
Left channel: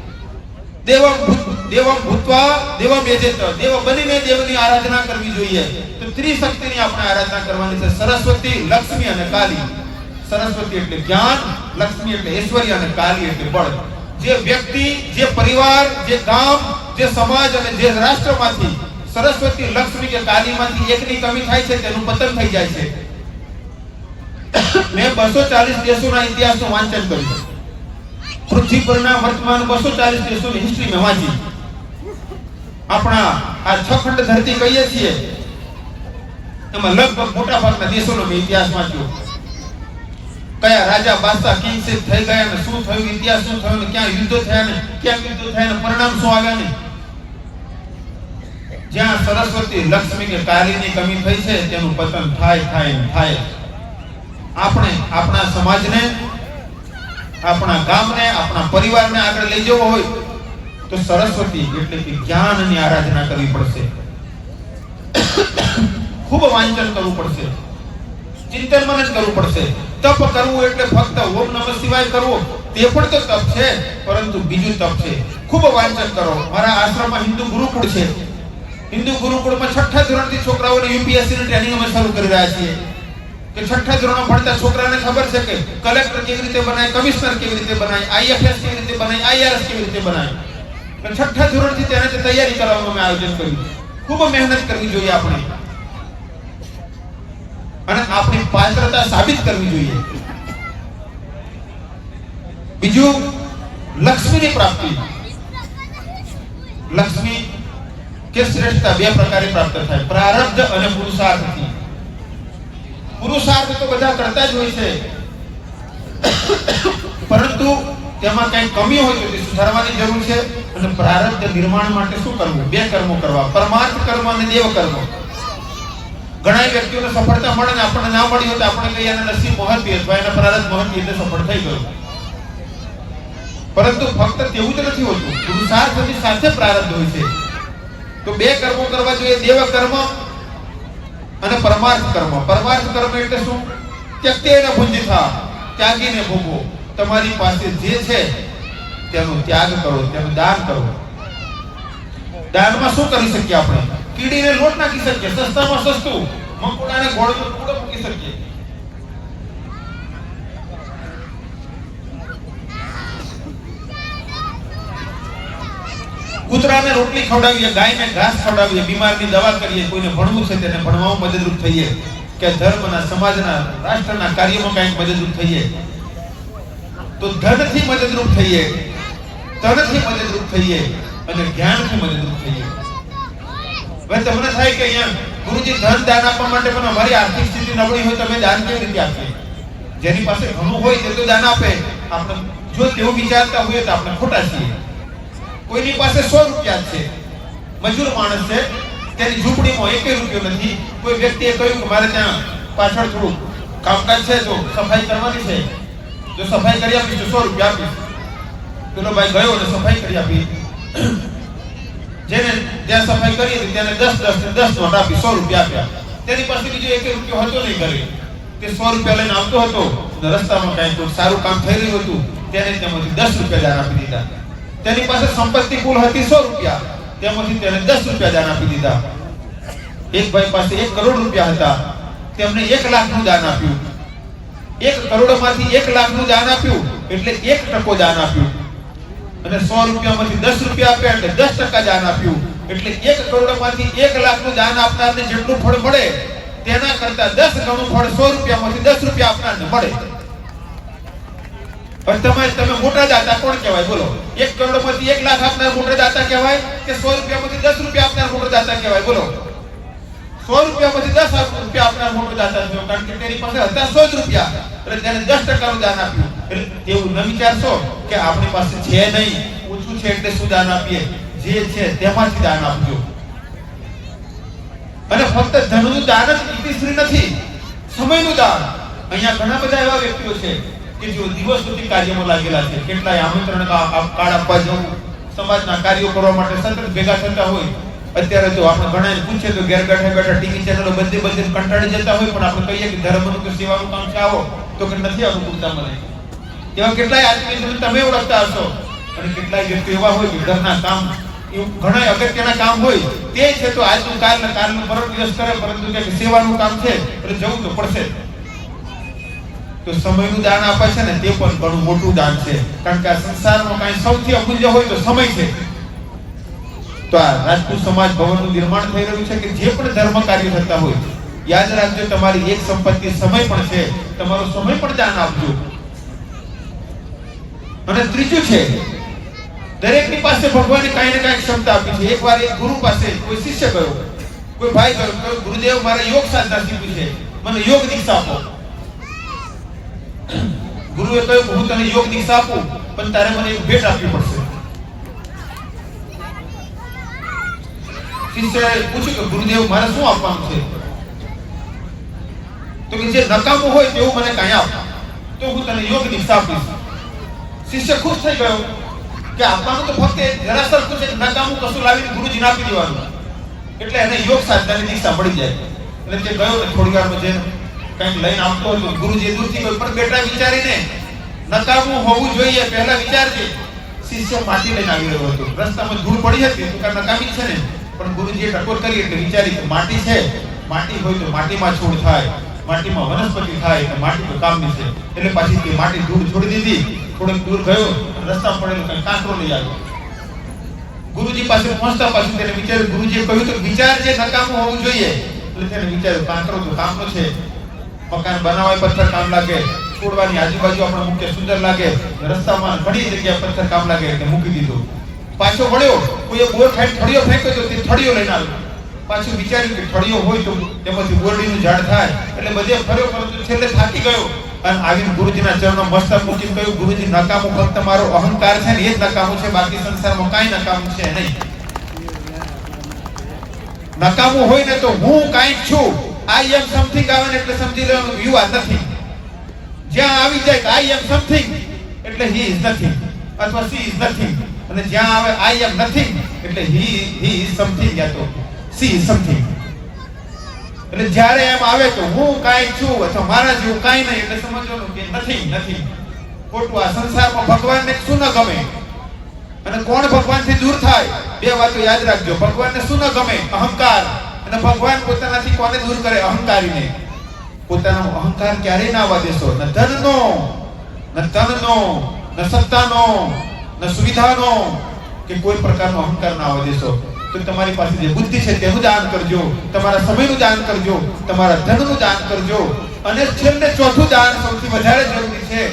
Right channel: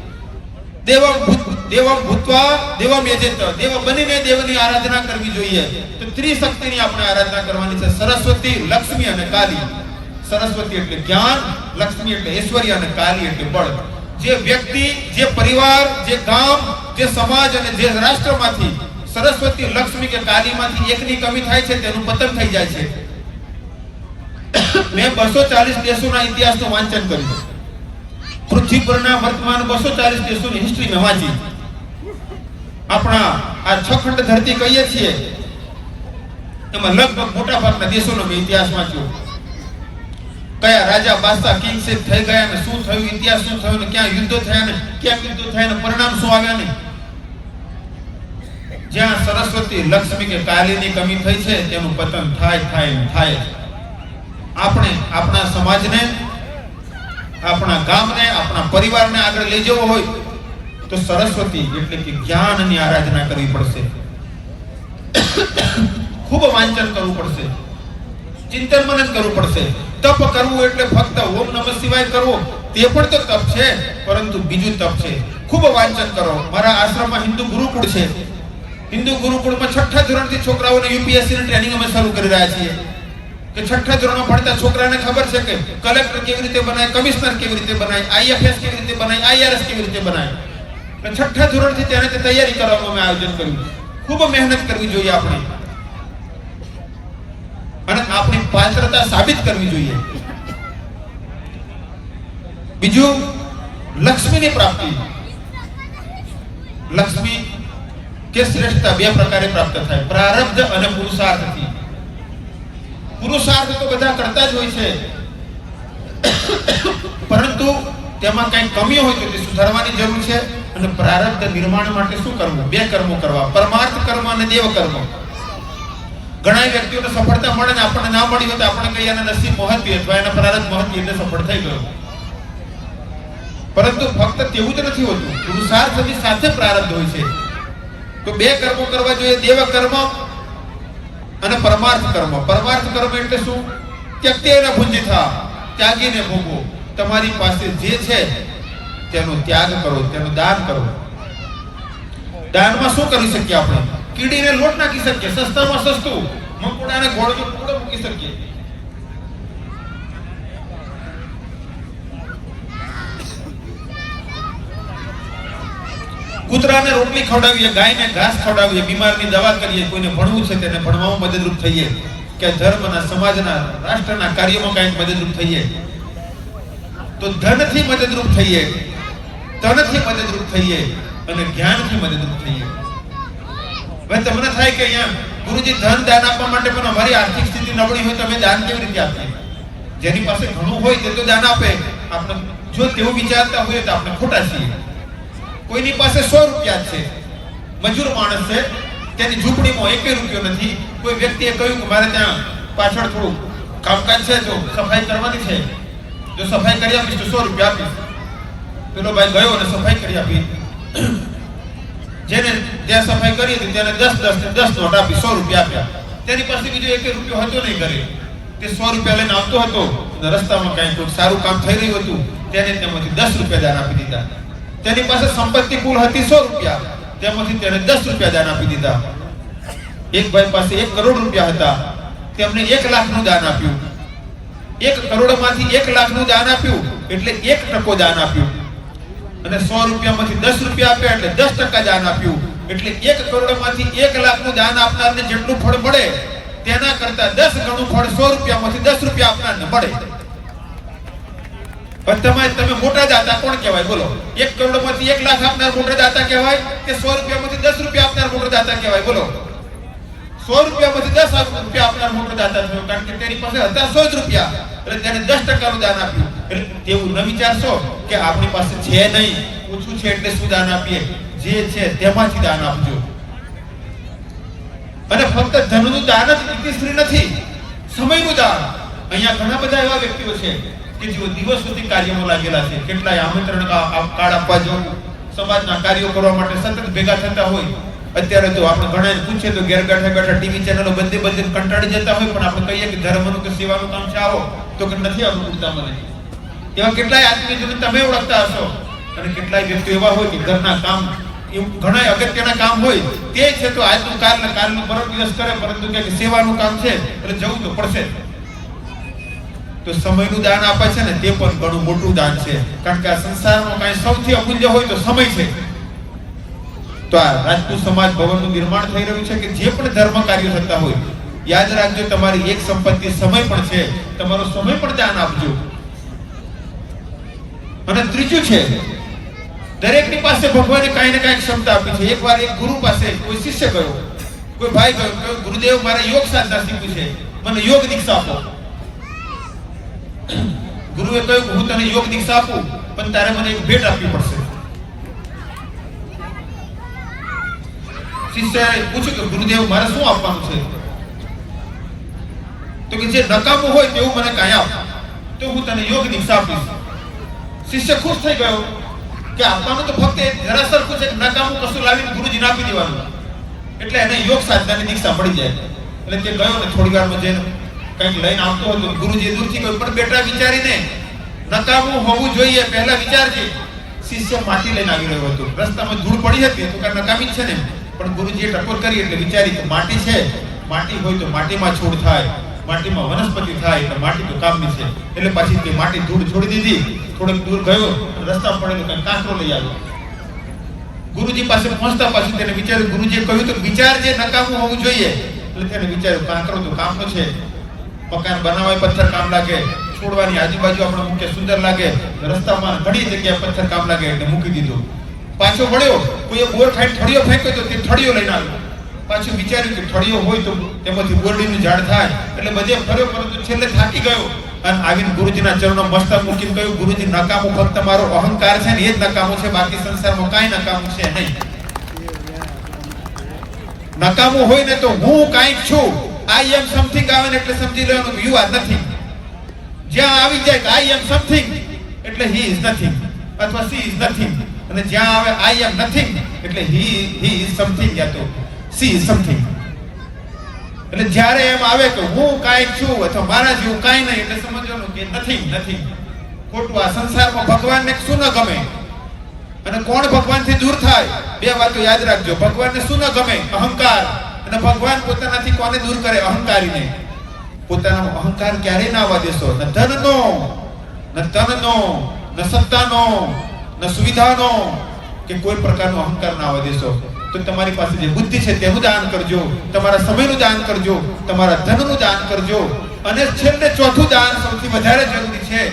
S1: દેવમ દેવમ ભૂતવા, દેવમ યજેત દેવ બનીને દેવની આરાધના કરવી જોઈએ. તો ત્રિશક્તિની આપણે આરાધના કરવાની છે. સરસ્વતી, લક્ષ્મી અને કાલી. સરસ્વતી એટલે જ્ઞાન, લક્ષ્મી એટલે ઐશ્વર્ય અને કાલી એટલે બળ. જે વ્યક્તિ, જે પરિવાર, જે ગામ, જે સમાજ અને જે રાષ્ટ્રમાંથી સરસ્વતી, લક્ષ્મી કે કાલીમાંથી એકની કમી થાય છે, તેનું પતન થઈ જાય છે. મેં બસો ચાલીસ દેશોના ઇતિહાસનું વાંચન કર્યું. પૃથ્વી પરના વર્તમાન બસો ચાલીસ દેશોની હિસ્ટ્રી વાંચી. આપણા આ છ ખંડ ધરતી કહીએ છીએ, એમાં લગભગ મોટા ભાગના દેશોનો ઇતિહાસ વાંચ્યો. કયા રાજા બાદશાહ કિંગ થઈ ગયા ને શું થયું, ઇતિહાસ શું થયો ને ક્યાં યુદ્ધો થયા ને ક્યાં યુદ્ધો થયા ને પરિણામ શું આવ્યા ને? જ્યાં સરસ્વતી લક્ષ્મી કે કાલીની કમી થઈ છે, તેનું પતન થાય થાય થાય. આપણે આપણા સમાજને આપણા ગામને, આપણા પરિવારને આગળ લઈ જવો હોય, તો સરસ્વતી એટલે કે જ્ઞાનની આરાધના કરવી પડશે. ખૂબ વાંચન કરવું પડશે. ચિંતન મનન કરવું પડશે. તપ કરવું એટલે ફક્ત ઓમ નમઃ શિવાય કરવો, તે પણ તો તપ છે, પરંતુ બીજું તપ છે. ખૂબ વાંચન કરો. મારા આશ્રમમાં હિન્દુ ગુરુકુળ છે. હિન્દુ ગુરુકુળમાં છઠ્ઠા ધોરણથી છોકરાઓને યુપીએસસી ની ટ્રેનિંગ અમે શરૂ કરી રહ્યા છીએ. કે છઠ્ઠા ધોરણમાં ભણતા છોકરાને ખબર છે કે કલેક્ટર કેવી રીતે બનાય કમિશનર કેવી રીતે બનાય આઈએફએસ કેવી રીતે બનાય આઈઆરએસ કેવી રીતે બનાય તો છઠ્ઠા ધોરણથી તેને તે તૈયારી કરવાનું અમે આયોજન કર્યું ખૂબ મહેનત કરવી જોઈએ આપણે અને આપણી પાત્રતા સાબિત કરવી જોઈએ બીજું લક્ષ્મીની પ્રાપ્તિ લક્ષ્મી કે શ્રેષ્ઠતા બે પ્રકારે પ્રાપ્ત થાય પ્રારબ્ધ અને પુરુષાર્થથી પુરુષાર્થ તો બધા કરતા જ હોય છે. પરંતુ તેમાં કઈ કમી હોય તો સુધારવાની જરૂર છે અને પ્રારબ્ધ નિર્માણ માટે શું કરવું? બે કર્મો કરવા. પરમાર્થ કર્મ અને દેવ કર્મ. ઘણા વ્યક્તિઓને સફળતા મળે ને આપણને ના મળી હોય તો આપણે કહીએ એના નસીબ મહત્વી અથવા એના પ્રારબ્ધ મહત્વી એટલે સફળ થઈ ગયો. પરંતુ ફક્ત તેવું જ નથી હોતું. પુરુષાર્થની સાથે પ્રારબ્ધ હોય છે. તો બે કર્મો કરવા જોઈએ. દેવ કર્મ અને પરમાર્થ કર્મ. પરમાર્થ કર્મ એટલે શું? ત્યક્તેન ભુંજિથા ત્યાગીને ભોગવો. તમારી પાસે જે છે, તેનો ત્યાગ કરો, તેનું દાન કરો. દાનમાં શું કરી શકીએ આપણે? કીડીને લોટ નાખી શકીએ, સસ્તામાં સસ્તું. મકોડાને ટુકડો મૂકી શકીએ. કૂતરાને રોટલી ખવડાવીએ, ગાયને ઘાસ ખવડાવીએ, બીમારની દવા કરીએ, કોઈને ભણવું છે તેને ભણવામાં મદદરૂપ થઈએ કે ધર્મના, સમાજના, રાષ્ટ્રના કાર્યમાં કઈ મદદરૂપ થઈએ. તો ધનથી મદદરૂપ થઈએ ધનથી મદદરૂપ થઈએ અને જ્ઞાનથી મદદરૂપ થઈએ. હવે તમને થાય કે અહીંયા ગુરુજી ધન દાન આપવા માટે પણ અમારી આર્થિક સ્થિતિ નબળી હોય તો અમે દાન કેવી રીતે આપીએ? જેની પાસે ઘણું હોય તે તો દાન આપે. આપણે જો તેવું વિચારતા હોય તો આપણે ખોટા છીએ. કોઈની પાસે સો રૂપિયા છે. મજૂર માણસ છે. તેની ઝૂંપડીમાં એક રૂપિયો નથી. કોઈ વ્યક્તિએ કહ્યું કે મારે ત્યાં પાછળ થોડું કામકાજ છે તો સફાઈ કરવાની છે. જો સફાઈ કરી આપી તો સો રૂપિયા આપીશ. પેલો ભાઈ ગયો અને સફાઈ કરી આપી. જેને જ્યાં સફાઈ કરી તેને દસ દસ દસ નોટ આપી સો રૂપિયા આપ્યા. તેની પાસે બીજો એક રૂપિયો હતો નહીં ઘરે. તે સો રૂપિયા લઈને આવતો હતો. રસ્તામાં ક્યાંય સારું કામ થઈ રહ્યું હતું. તેને તેમાંથી દસ રૂપિયા દાન આપી દીધા. તેની પાસે સંપત્તિ કુલ હતી સો રૂપિયા. તેમાંથી તેને દસ રૂપિયા દાન આપી દીધા. એક ભાઈ પાસે એક કરોડ રૂપિયા હતા. તેમને એક લાખનું દાન આપ્યું. એક કરોડમાંથી એક લાખનું દાન આપ્યું, એટલે એક ટકો દાન આપ્યું. અને સો રૂપિયામાંથી દસ રૂપિયા આપ્યા, એટલે દસ ટકા દાન આપ્યું. એટલે એક કરોડમાંથી એક લાખનું દાન આપનારને જેટલું ફળ મળે, તેના કરતા દસ ગણું ફળ સો રૂપિયામાંથી દસ રૂપિયા આપનારને મળે. પણ તમે તમે મોટા દાતા કોણ કહેવાય? બોલો. એક કરોડમાંથી એક લાખ આપનાર મોટા દાતા કહેવાય કે સો રૂપિયામાંથી દસ રૂપિયા આપનાર મોટો દાતા કહેવાય? બોલો. સો રૂપિયામાંથી દસ રૂપિયા આપનાર મોટો દાતા કારણ કે તેની પાસે હતા સો જ રૂપિયા. એટલે તેને દસ ટકાનું દાન આપ્યું. એવું ન વિચારશો કે આપણી પાસે છે નહીં. ઓછું છે એટલે શું દાન આપીએ? જે છે તેમાંથી દાન આપજો. અને ફક્ત ધનનું દાન જ નથી, સમયનું દાન. અહીંયા ઘણા બધા એવા વ્યક્તિઓ છે. કે જેઓ દિવસ સુધી કાર્યમાં લાગેલા છે, કેટલાય આમંત્રણ કાર્ડ આપવા જવું સમાજના કાર્યો કરવા માટે સતત ભેગા થતા હોય, અત્યારે તો આપણે ઘણા પૂછે તો ઘેર બેઠા બેઠા ટીવી ચેનલો બધે બધે કંટાળી જતા હોય, પણ આપણે કહીએ કે ધર્મનું કે સેવાનું કામ છે આવો, તો કે નથી આવું મને એવા કેટલાય આદમી તમે ઓળખતા હશો, અને કેટલાય વ્યક્તિ એવા હોય કે ઘરના કામ ઘણા અગત્યના કામ હોય, તે છે તો આજનું કાલ કાલનું પરમ દિવસ કરે, પરંતુ કે સેવાનું કામ છે, એટલે જવું તો પડશે. તો સમયનું દાન આપે છે ને તે પણ ઘણું મોટું દાન છે. કારણ કે આ સંસારમાં કાંઈ સૌથી અમૂલ્ય હોય તો સમય છે. તો આ રાજપૂત સમાજ ભવનનું નિર્માણ થઈ રહ્યું છે કે જે પણ ધર્મ કાર્ય થતા હોય, યાદ રાખજો તમારી એક સંપત્તિ સમય પણ છે, તમારો સમય પણ દાન આપજો. અને ત્રીજું છે, દરેકની પાસે ભગવાને કાંઈ ને કાંઈ ક્ષમતા આપી છે. એકવાર એક ગુરુ પાસે કોઈ શિષ્ય ગયો, કોઈ ભાઈ ગયો ગુરુદેવ મારે યોગ સાધના શીખ્યું છે મને યોગ દીક્ષા આપો. ગુરુએ કહ્યું હું તને યોગ દીક્ષા આપું, પણ તારે મને એક ભેટ આપવી પડશે. શિષ્યએ પૂછ્યું કે ગુરુદેવ, મારે શું આપવાનું છે? તો કે જે નકામું હોય તેવું મને કાંઈ આપ. તો હું તને યોગ દીક્ષા આપીશ. શિષ્ય ખુશ થઈ ગયો કે આપવાનું તો ફક્ત જરાસર છે નકામું કશું લાવીને ગુરુજીને આપી દેવાનું. એટલે એને યોગ સાધનાની દીક્ષા મળી જાય. એટલે તે ગયો થોડી વારમાં જે કંઈક લઈને આવતો ગુરુજી દૂરથી કોઈ પણ બેટા વિચારીને નકામું હોવું જોઈએ, પહેલા વિચારજે. શિષ્ય માટી લઈને આવી રહ્યો હતો. રસ્તામાં ધૂળ પડી હતી તો નકામી છે ને. પણ ગુરુજીએ ટકોર કરી એટલે વિચારી કે માટી છે. માટી હોય તો માટીમાં છોડ થાય. માટીમાં વનસ્પતિ થાય તો માટી તો કામની છે. એટલે પાછી તે માટી ધૂળ છોડી દીધી. થોડોક દૂર ગયો, રસ્તા પડેલો કંઈ કાંકરો લઈ આવ્યો. ગુરુજી પાસે પહોંચતા પાછું તેને વિચાર્યું. ગુરુજીએ કહ્યું કે વિચાર જે નકામું હોવું જોઈએ. એટલે તેને વિચાર્યું કાંકરો તો કામનો છે. મકાન બનાવવા પથ્થર કામ લાગે, છોડવાની આજુબાજુ આપણને મૂકે સુંદર લાગે, રસ્તામાં ઘણી જગ્યાએ પથ્થર કામ લાગે એટલે મૂકી દીધું. પાછો વળ્યો, કોઈ બોર ફેંક થળિયો ફેંક્યો તો તે થળિયો લઈને આવ્યો. પાછું વિચાર્યું કે થળિયો હોય તો તેમાંથી બોરડીનું ઝાડ થાય, એટલે બધે ફર્યો પરંતુ છેલ્લે થાકી ગયો. અને આવીને ગુરુજીના ચરણો મસ્તક મૂકીને કહ્યું, ગુરુજી, નકામો ફક્ત મારો અહંકાર છે ને એ જ નકામો છે, બાકી સંસારમાં કાંઈ નકામું છે નહીં. નકામું હોય ને તો હું કાંઈક છું. આઈ એમ સમથિંગ આવે એટલે સમજી લેવાનું યુ નથિંગ જ્યાં આવી જાય આઈ એમ સમથિંગ એટલે હી ઇઝ નથિંગ અથવા સી ઇઝ નથિંગ અને જ્યાં આવે આઈ એમ નથિંગ એટલે હી હી ઇઝ સમથિંગ યા તો સી ઇઝ સમથિંગ એટલે જ્યારે એમ આવે તો હું કાંઈક છું, અથવા મારા જેવું કાંઈ નહીં, એટલે સમજવાનું કે નથી નથી ખોટું આ સંસારમાં ભગવાનને શું ન ગમે? અને કોણ ભગવાનથી દૂર થાય? બે વાતો યાદ રાખજો. ભગવાનને શું ન ગમે? અહંકાર. અને ભગવાન પોતાનાથી કોને દૂર કરે? અહંકારીને. પોતાનો અહંકાર ક્યારેય ના આવવા દેશો ન ધનનો, ન તનનો, ન સત્તાનો ન સુવિધાનો, કે કોઈ પ્રકારનો અહંકાર ના આવવા દેશો તો તમારી પાસે જે બુદ્ધિ છે તેનું દાન કરજો. તમારા સમયનું દાન કરજો. તમારા ધનનું દાન કરજો. અને છેલ્લે ચોથું દાન સૌથી વધારે જરૂરી છે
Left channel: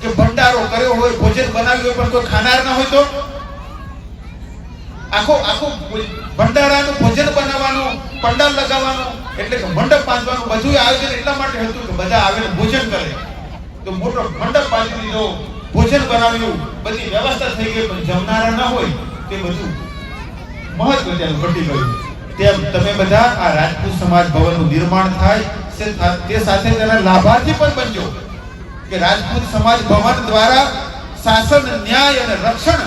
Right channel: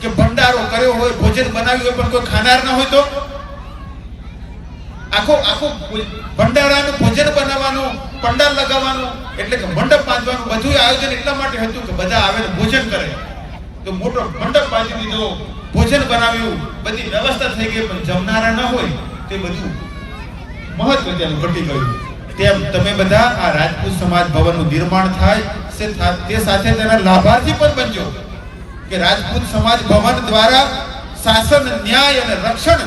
S1: કે ભંડારો કર્યો હોય, ભોજન બનાવ્યું હોય, પણ કોઈ ખાનાર ના હોય તો? આખો આખો ભંડારાનું ભોજન બનાવવાનું, પંડાલ લગાવવાનું, એટલે કે મંડપ બાંધવાનું બધું આયોજન એટલા માટે હતું કે બધા આવે ભોજન કરે. તો મોટો મંડપ બાંધી દીધો ભોજન બનાવ્યું બધી વ્યવસ્થા થઈ ગઈ, પણ જમનારા ના હોય, તે બધું મહત્વ ત્યાં ઘટી ગયું. તેમ તમે બધા આ રાજપૂત સમાજ ભવનનું નિર્માણ થાય તે સાથે તેના લાભાર્થી પણ બનજો કે રાજપૂત સમાજ ભવન દ્વારા શાસન, ન્યાય અને રક્ષણ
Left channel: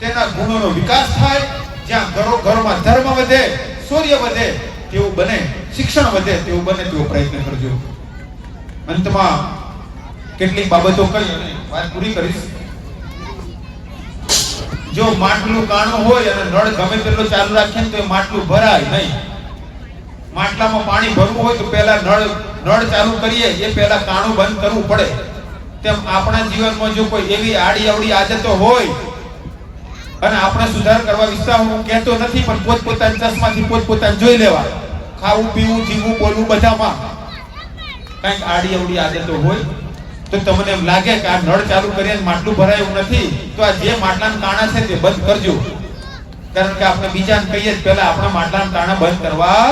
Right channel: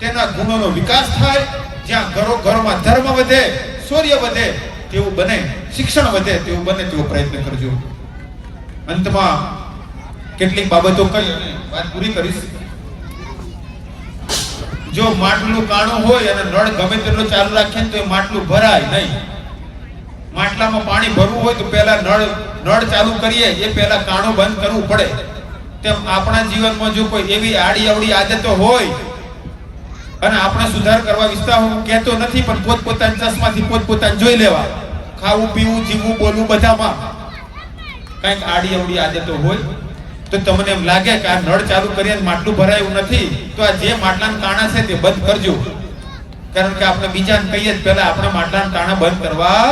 S1: તેના ગુણોનો વિકાસ થાય, જ્યાં ઘરો ઘરમાં ધર્મ વધે, સૂર્ય વધે, તેવું બને, શિક્ષણ વધે, તેવું બને, તેવો પ્રયત્ન કરજો. અંતમાં કેટલીક બાબતો કહી વાત પૂરી કરીશ. જો માટલું કાણું હોય અને નળ ગમે તેટલો ચાલુ રાખીએ ને તો એ માટલું ભરાય નહીં. માટલામાં પાણી ભરવું હોય તો પહેલા નળ નળ ચાલુ કરીએ, એ પહેલા કાણું બંધ કરવું પડે. તેમ આપણા જીવનમાં જો કોઈ એવી આડી અવડી આદતો હોય અને આપણા સુધાર કરવા વિસ્તાર હું કહેતો નથી, પણ પોતપોતાની ચશ્માથી પોતપોતાને જોઈ લેવા. ખાવું, પીવું, જીવવું, બોલવું બધામાં. કંઈક આડી અવડી આદતો હોય, તો તમને એમ લાગે કે આ નળ ચાલુ કરીએ ને માટલું ભરાયું નથી, તો આ જે માટલાના કાણા છે તે બંધ કરજો. કારણ કે આપણે બીજાને કહીએ પહેલા આપણે માટલાના કાણા બંધ કરવા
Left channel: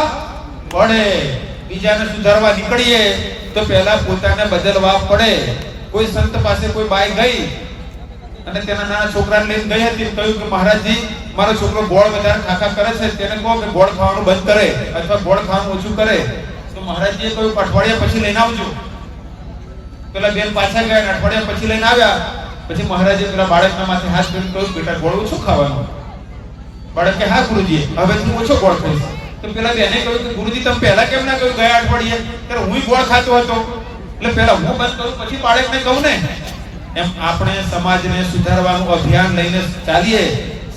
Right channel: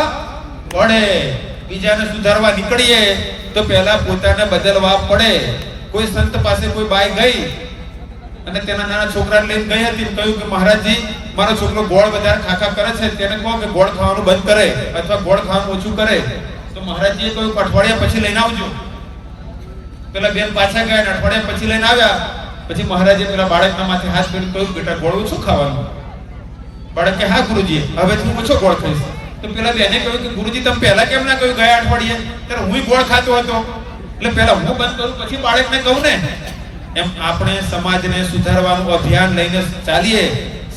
S1: પડે. બીજાને સુધારવા નીકળીએ તો પહેલા પોતાને બદલવા પડે. કોઈ સંત પાસે કોઈ બાઈ ગઈ અને તેના નાના છોકરાને લઈને ગઈ હતી કહ્યું કે મહારાજજી, મારો છોકરો ગોળ વધારે ખાખા કરે છે, તેને કહો કે ગોળ ખાવાનું બંધ કરે અથવા ગોળ ખાવાનું ઓછું કરે. તો મહારાજજીએ કહ્યું અઠવાડિયા પછી લઈને આવજો. પેલા બેન પાછા ગયા અઠવાડિયા પછી લઈને આવ્યા. પછી મહારાજે પેલા બાળકના માથે હાથ કરીને કહ્યું, બેટા, ગોળ ઓછું ખાવાનું. બાળકે, હા, ગુરુજી, હવે હું ઓછો ગોળ ખાઈશ. તો પેલા બેને કહ્યું કે, ગુરુજી, તમે પહેલા કેમ ના કહ્યું ગયા અઠવાડિયે? ત્યારે હું ગોળ ખાતો હતો. એટલે પેલા હું બંધ કરું, પછી બાળકને કહું ને. એમ આપણે સમાજને સુધારવાનું અભિયાન લઈને ચાલીએ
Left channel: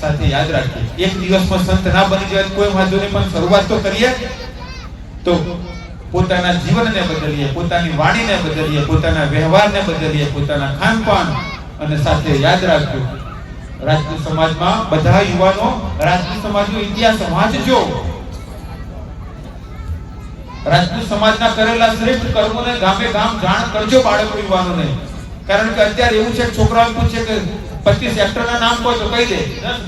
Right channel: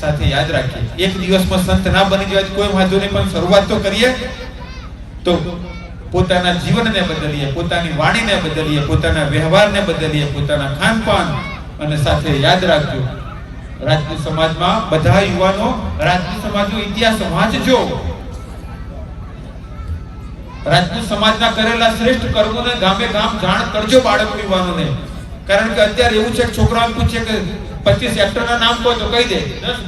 S1: સાથે યાદ રાખીએ. એક દિવસમાં સંત ના બની જાય કોઈ વાંધો નહીં, પણ શરૂઆત તો કરીએ. તો પોતાના જીવનને બદલીએ, પોતાની વાણીને બદલીએ, પોતાના વ્યવહારને બદલીએ, પોતાના ખાનપાન અને સાથે યાદ રાખજો. રાજપૂત સમાજમાં બધા યુવાનો, રાજપૂત સમાજનો ઇતિહાસ વાંચજો. રાજપૂત સમાજના કરેલા શ્રેષ્ઠ કર્મોને ગામે ગામ જાણ કરજો બાળકો યુવાનોને. કારણ કે અત્યારે એવું છે છોકરાઓ પૂછે કે પચીસ એક્ટરના નામ કહો તો કહી દે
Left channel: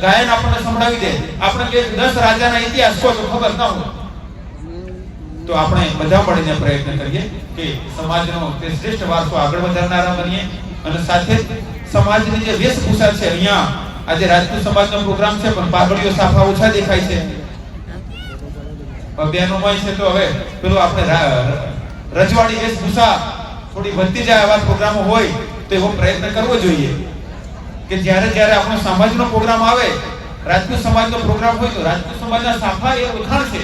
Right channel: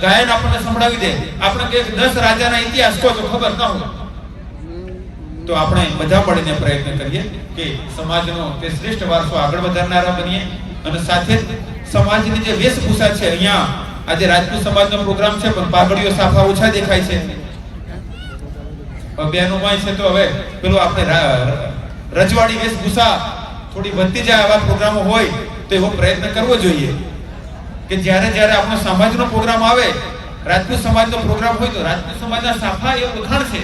S1: ગાયન આપણને સંભળાવી દે. આપણે કે દસ રાજાના ઇતિહાસ કહો તો ખબર ના હોય. તો આપણે બધા મળીને પ્રયત્ન કરીએ કે સમાજનો તે શ્રેષ્ઠ વારસો આગળ વધારનારા બનીએ અને સાથે સમાજની જે વેશભૂષા છે, અહીંયા આજે રાજપૂત સમાજનો પ્રોગ્રામ છે, પણ પાઘડીઓ સાફા ઓછા દેખાય છે. અભિયાનોમાં છે તો હવે પેલું આપણે રજવાડી વેશભૂષા થોડી વધતી જાય એવા પ્રોગ્રામો હોય તો એવો પ્રયત્ન કરવો જોઈએ. કે જ્યારે જ્યારે આપણો સમાજનો પ્રોગ્રામ આવે રાજપૂત સમાજનો પ્રોગ્રામ હોય તો રાજપૂત સમાજના સાફા એ ઉઠાણ છે.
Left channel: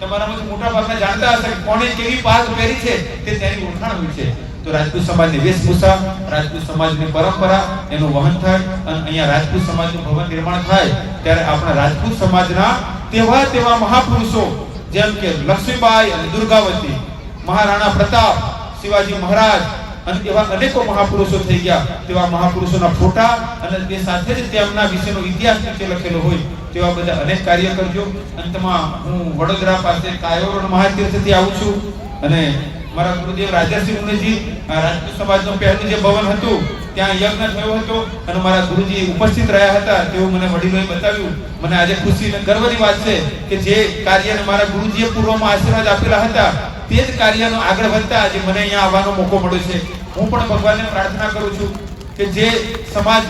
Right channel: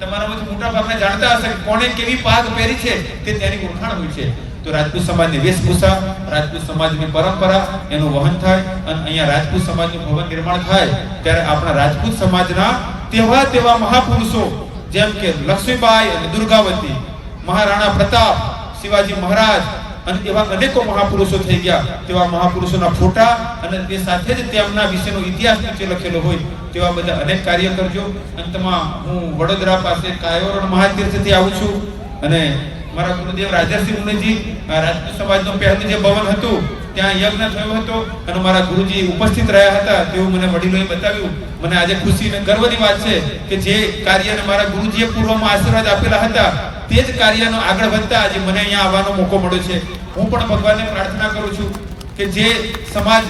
S1: તમારામાંથી મોટા ભાગના જાણતા હશે કે કોણે કેવી પાગ પહેરી છે તે તેની ઓળખાણ હોય છે. તો રાજપૂત સમાજની વેશભૂષા રાજપૂત સમાજની પરંપરા, એનું વહન થાય અને અહીંયા રાજપૂત સમાજનું ભવન નિર્માણ થાય, ત્યારે આપણા રાજપૂત સમાજના તેવા તેવા મહાપુરુષો જેમ કે લક્ષ્મીબાઈ અને દુર્ગાવતી, મહારાણા પ્રતાપ શિવાજી મહારાજ અને એવા અનેકો મહાપુરુષો થઈ ગયા. તેવા મહાપુરુષોના ફોટા અને તે સાથે જ તેમના વિશેનો ઇતિહાસ નીચે લખેલો હોય તેવા બધા અનેક કાર્ય કરજો. અંતમાં હું વડોદરા પાસે કાયોરણ મહાતીર્થથી આવું છું અને મારા ગુરુદેવ રાજાસિંહ ઉમેજી રાજપૂત સમાજનું પહેલું જે ભવન હતું, ત્યાં યજ્ઞ થયો હતો અને મારા ગુરુજી ઉપસ્થિત રહ્યા હતા. તેવું મને વડીલોએ બતાવ્યું, મને આજે ખુશી અને ગર્વની વાત છે કે જે કાર્યને મારા ગુરુજીએ પૂર્વમાં આશીર્વાદ આપેલા હતા તે જ કાર્યનો આગળ વધતા આજે મને અહીંયા આવવાનો મોકો મળ્યો છે. હું પણ ભગવાનને પ્રાર્થના કરું છું કે જે સમાજ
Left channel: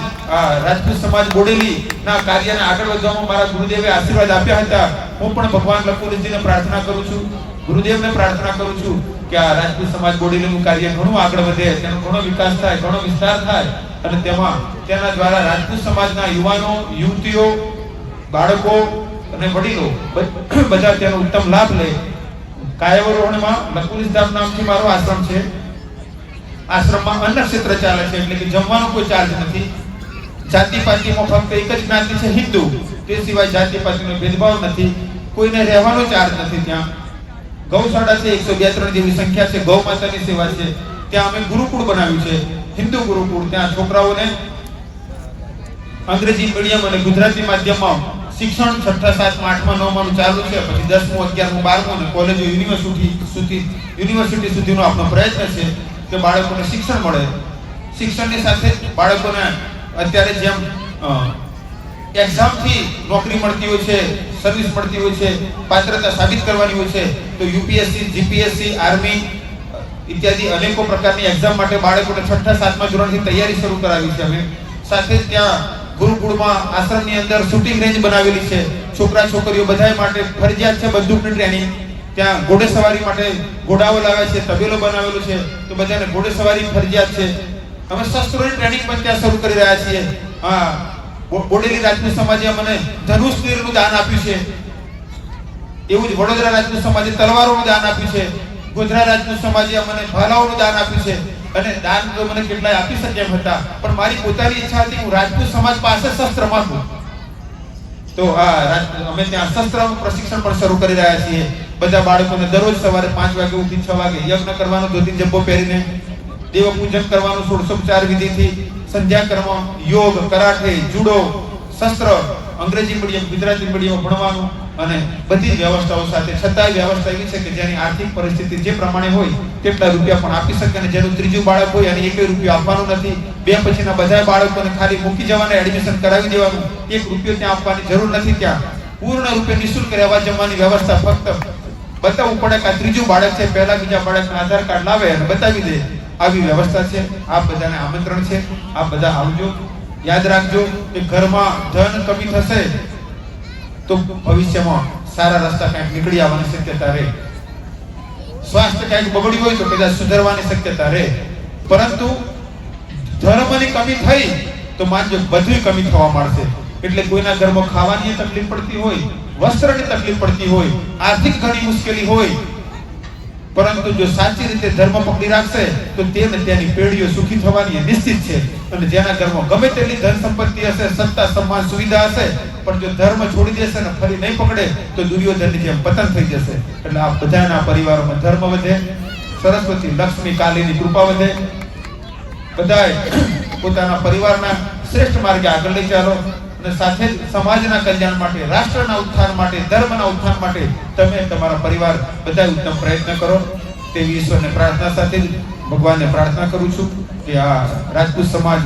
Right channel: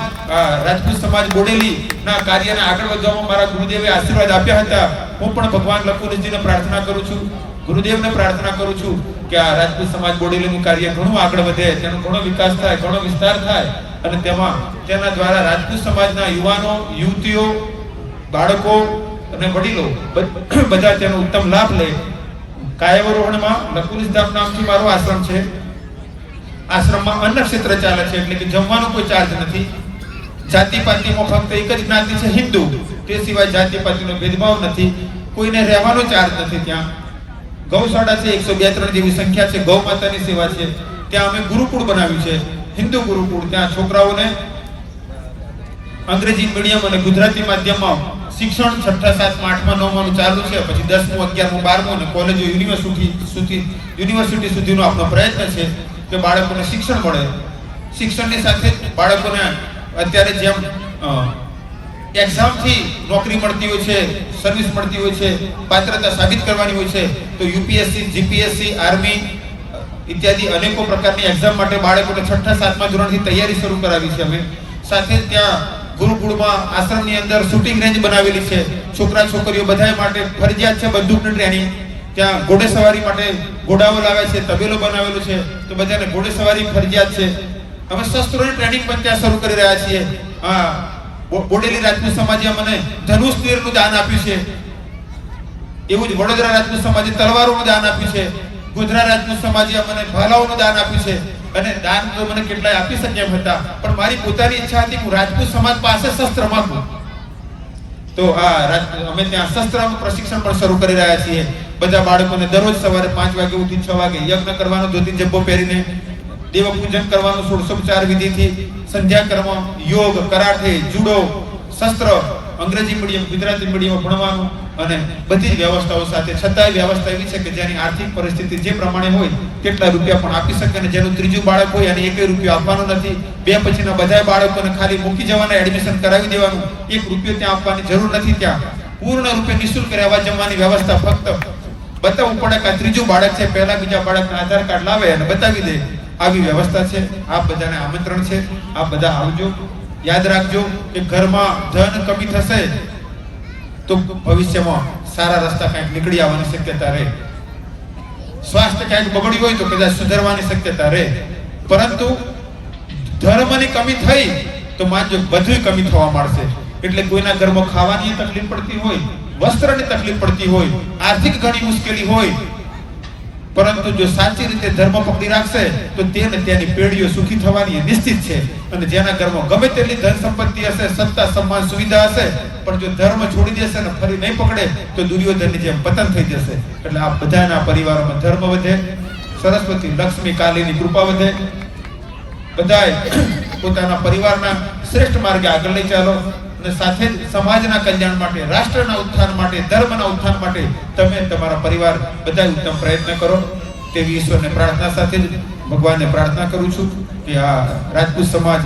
S1: રાજપૂત સમાજ બોડેલી ના કાર્યને આગળ વધવામાં મારા ગુરુદેવે આશીર્વાદ આપ્યા હતા, હું પણ ભગવાન લખુરજીને પ્રાર્થના કરું છું. ગુરુદેવને પ્રાર્થના કરું છું કે આ રાજપૂત સમાજ બોડેલીનું કાર્ય ઘણું આગળ વધે, તેનો ઘણો વિકાસ થાય, ઘણો વિસ્તાર થાય અને તેમાં, તેના દ્વારા રાજપૂત સમાજના યુવાનો, યુવતીઓ, બાળકો અને વડીલો બધા તેનો ઉત્તમ લાભ લે. કાયવરોહણમાં લકુલિસ નામથી મારો આશ્રમ છે. આશ્રમમાં અન્ન ક્ષેત્ર ચાલે છે એટલે કે જમવાનો કોઈ ચાર્જ નથી. જાતિ પાતિમાં ફક્ત એક જ જ્ઞાતિ છે હિન્દુ. તે સિવાય જાતિ પાતિનો ભેદભાવ નથી. કોઈને રહેવાનો ચાર્જ નથી ત્યાં. ગૌશાળા છે એકસો બે ત્રણ જેવી સંખ્યા છે. ગૌ માતાની સેવા છે. ત્યાં અમે ગુરુકુળ બનાવ્યું છે. હિન્દુ ગુરુકુળ. ત્યાં છોકરાઓને અંગ્રેજી મીડિયમ અને ગુજરાતી માધ્યમમાં શિક્ષણ છઠ્ઠા સાતમાં આઠમા નવમાનું ચાલુ છે. પછી દસમું, અગિયારમું, બારમું અને કોલેજો યુનિવર્સિટી સુધી, યુનિવર્સિટી સુધીનો આપણો પ્રયત્ન છે કે બાળકોને શિક્ષણ મળે. શિક્ષણની સાથે બાળકોને અત્યારે જેમ એક્ઝામથી નોકરી મળતી હોય છે, સર્વિસ મળતી હોય છે, પાત્રતા સાબિત કરવાની હોય છે, તો યુપીએસસી, જીપીએસસી, આર્મી ઇત્યાદિ અનેકો પ્રકારની એક્ઝામ માટે બાળકોને છઠ્ઠા, સાતમા ધોરણથી તૈયારી શરૂ કરાવી છે. અમે સાથે ત્યાં ગુરુકુળમાં આશ્રમની અંદર શૂટિંગ રેન્જ બનાવેલી છે. છોકરા, છોકરીઓ બધા માટે ફરજિયાત છે બંદૂક ટ્રેનિંગ ત્યાં ઘોડેસવારી માટે ઘોડાઓ લાવ્યા છે, તબેલો બનાવેલો છે. તો બધાને ઘોડેસવારી ફરજિયાત છે. અમે શસ્ત્રોની ટ્રેનિંગ પણ ત્યાં શરૂ કરી રહ્યા છીએ. હા બોડેલી રાજપૂત સમાજે મને ધનુષ તીરનું દાન આપ્યું છે. એવું જ વડોદરા રાજપૂત સમાજે તલવારોનું દાન આપ્યું છે. ગુજરાત રાજપૂત સમાજે મને ભાલાઓનું દાન આપ્યું છે. અને દાન મને કેટલાય આપી શક્યા હતા. પણ મારી પોતાની ઈચ્છા હતી હું રાજપૂત સમાજ પાસે શસ્ત્ર માંગુ. તો આ અમે ત્યાં શસ્ત્ર પ્રશિક્ષણ પણ શરૂ કરી રહ્યા છીએ. બધા બાળકોને દરરોજ સવારે પાંચ વાગે ઉઠી છ વાગે યજ્ઞ કરવાનો, ધોતી જબ્બો પહેરીને દેવ પૂજન કરવાનું ષોડશોપચાર વિધિથી સંધ્યા કર્મ, યોગ, કરાટે, જુડો, શસ્ત્ર, અંગ્રેજી મીડિયમ, ગુજરાતી મીડિયમ ભણવાનું અને બધી જ વ્યવસ્થાઓ સાથે છતાંય વ્યવસ્થા એવી છે કે જેની આર્થિક પરિસ્થિતિ જે પ્રમાણે હોય કેટલા રૂપિયા પણ આપી શકે અને જેનું ત્રીજું બાળક હોય અને એક રૂપિયો આપવાનો નથી. બે પછીના બધા બાળકોને ખાલી મૂકી જવાના એડમિશન કરાવી દેવાનું. એક રૂપિયો ત્યાં આપવાની જરૂર નથી ત્યાં. પૂર્ણ રૂપે નિઃશુલ્ક રહેવા જમવાની વ્યવસ્થા ફક્ત બતાવવું પડે કે આ ત્રીજું બાળક છે, પહેલા બીજા બાળકના આધાર કાર્ડ લાવે અને બતાવી દે. આવી વ્યવસ્થા છે. આપ બધાને આમંત્રણ છે. આપ બધા આવજો. યાદ રાખજો કે ઘરમાં ધન કમી થશે. તો ભવિષ્યમાં સારા રસ્તા કંઈક નીકળી આવવાની શક્યતા રહે. સ્વાસ્થ્ય કંઈક બગડ્યું હોય તો કદાચ સુધારવાની શક્યતા રહે. પરંતુ ધર્મની કમી થઈ તો માનજો બધી કમી થવા માંડશે. એટલે કોઈના ઘરમાં ખાવાની તકલીફ પડતી હોય, વસ્ત્રની તકલીફ પડતી હોય, આર્થિક ઘણી મુશ્કેલી હોય પરંતુ જો સાચી રીતે ધર્મ પકડી રાખશે, તો તેને તેની પેઢીઓ સુખી થવાની નિશ્ચિત છે. અને જેના ઘરમાં ગમે તેટલી ધન સંપત્તિ હશે, સત્તા, સન્માન, સુવિધા હશે, પણ જો ધર્મ છોડી દેશે ને ફરી નહીં પકડે, તો દુર્યોધનની જેમ પતન થઈ જશે. એટલે આ બધાના પરિવારોમાં ધર્મ વધે, સરસ્વતી, લક્ષ્મી, કાલીની કૃપા વધે. બધાએ પોતાના પરિવારના શ્રેષ્ઠ માર્ગે આગળ લઈ ચાલો. અને સાથે સમાજના કલ્યાણ માટે, રાષ્ટ્રના ઉત્થાન માટે, ધર્મના ઉત્થાન માટે તમે તમારા પરિવાર બધા ઉત્તમ પ્રયત્ન કરો. તેવી ઈશ્વરને પ્રાર્થના સાથે ભગવાનને પ્રાર્થના કરું છું કે આ રાજપૂત સમાજ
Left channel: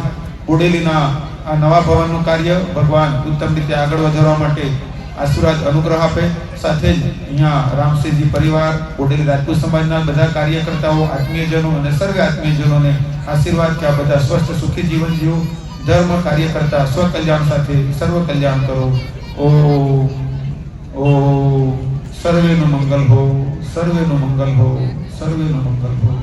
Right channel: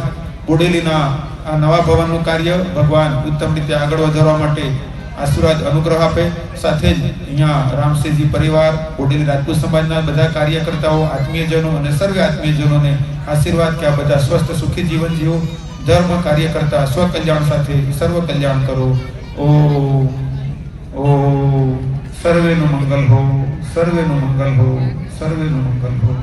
S1: બોડેલીના આ નવા ભવનનું કાર્ય ભગવાન ઉત્તમ રીતે આગળ વધારવા માટે આશીર્વાદ અનુગ્રહ આપે. સાથે જ અહીંયા રામસિંહજી પરિવાર, બોડેલી રાજપૂત સમાજના બધા કાર્યકર્તાઓ, આત્મીયજનો અને સર્વે આત્મીયજનોને આશીર્વાદ કે આ બધા સ્વસ્થ સુખી જીવન જીવો ધર્મ કાર્ય કરતા સ્વ કલ્યાણ સાથે સર્વ કલ્યાણ કરો. ઓ ઓ સર્વેનું મંગલ હો, સર્વેનું મંગલ હો, સર્વેનું મંગલ હો.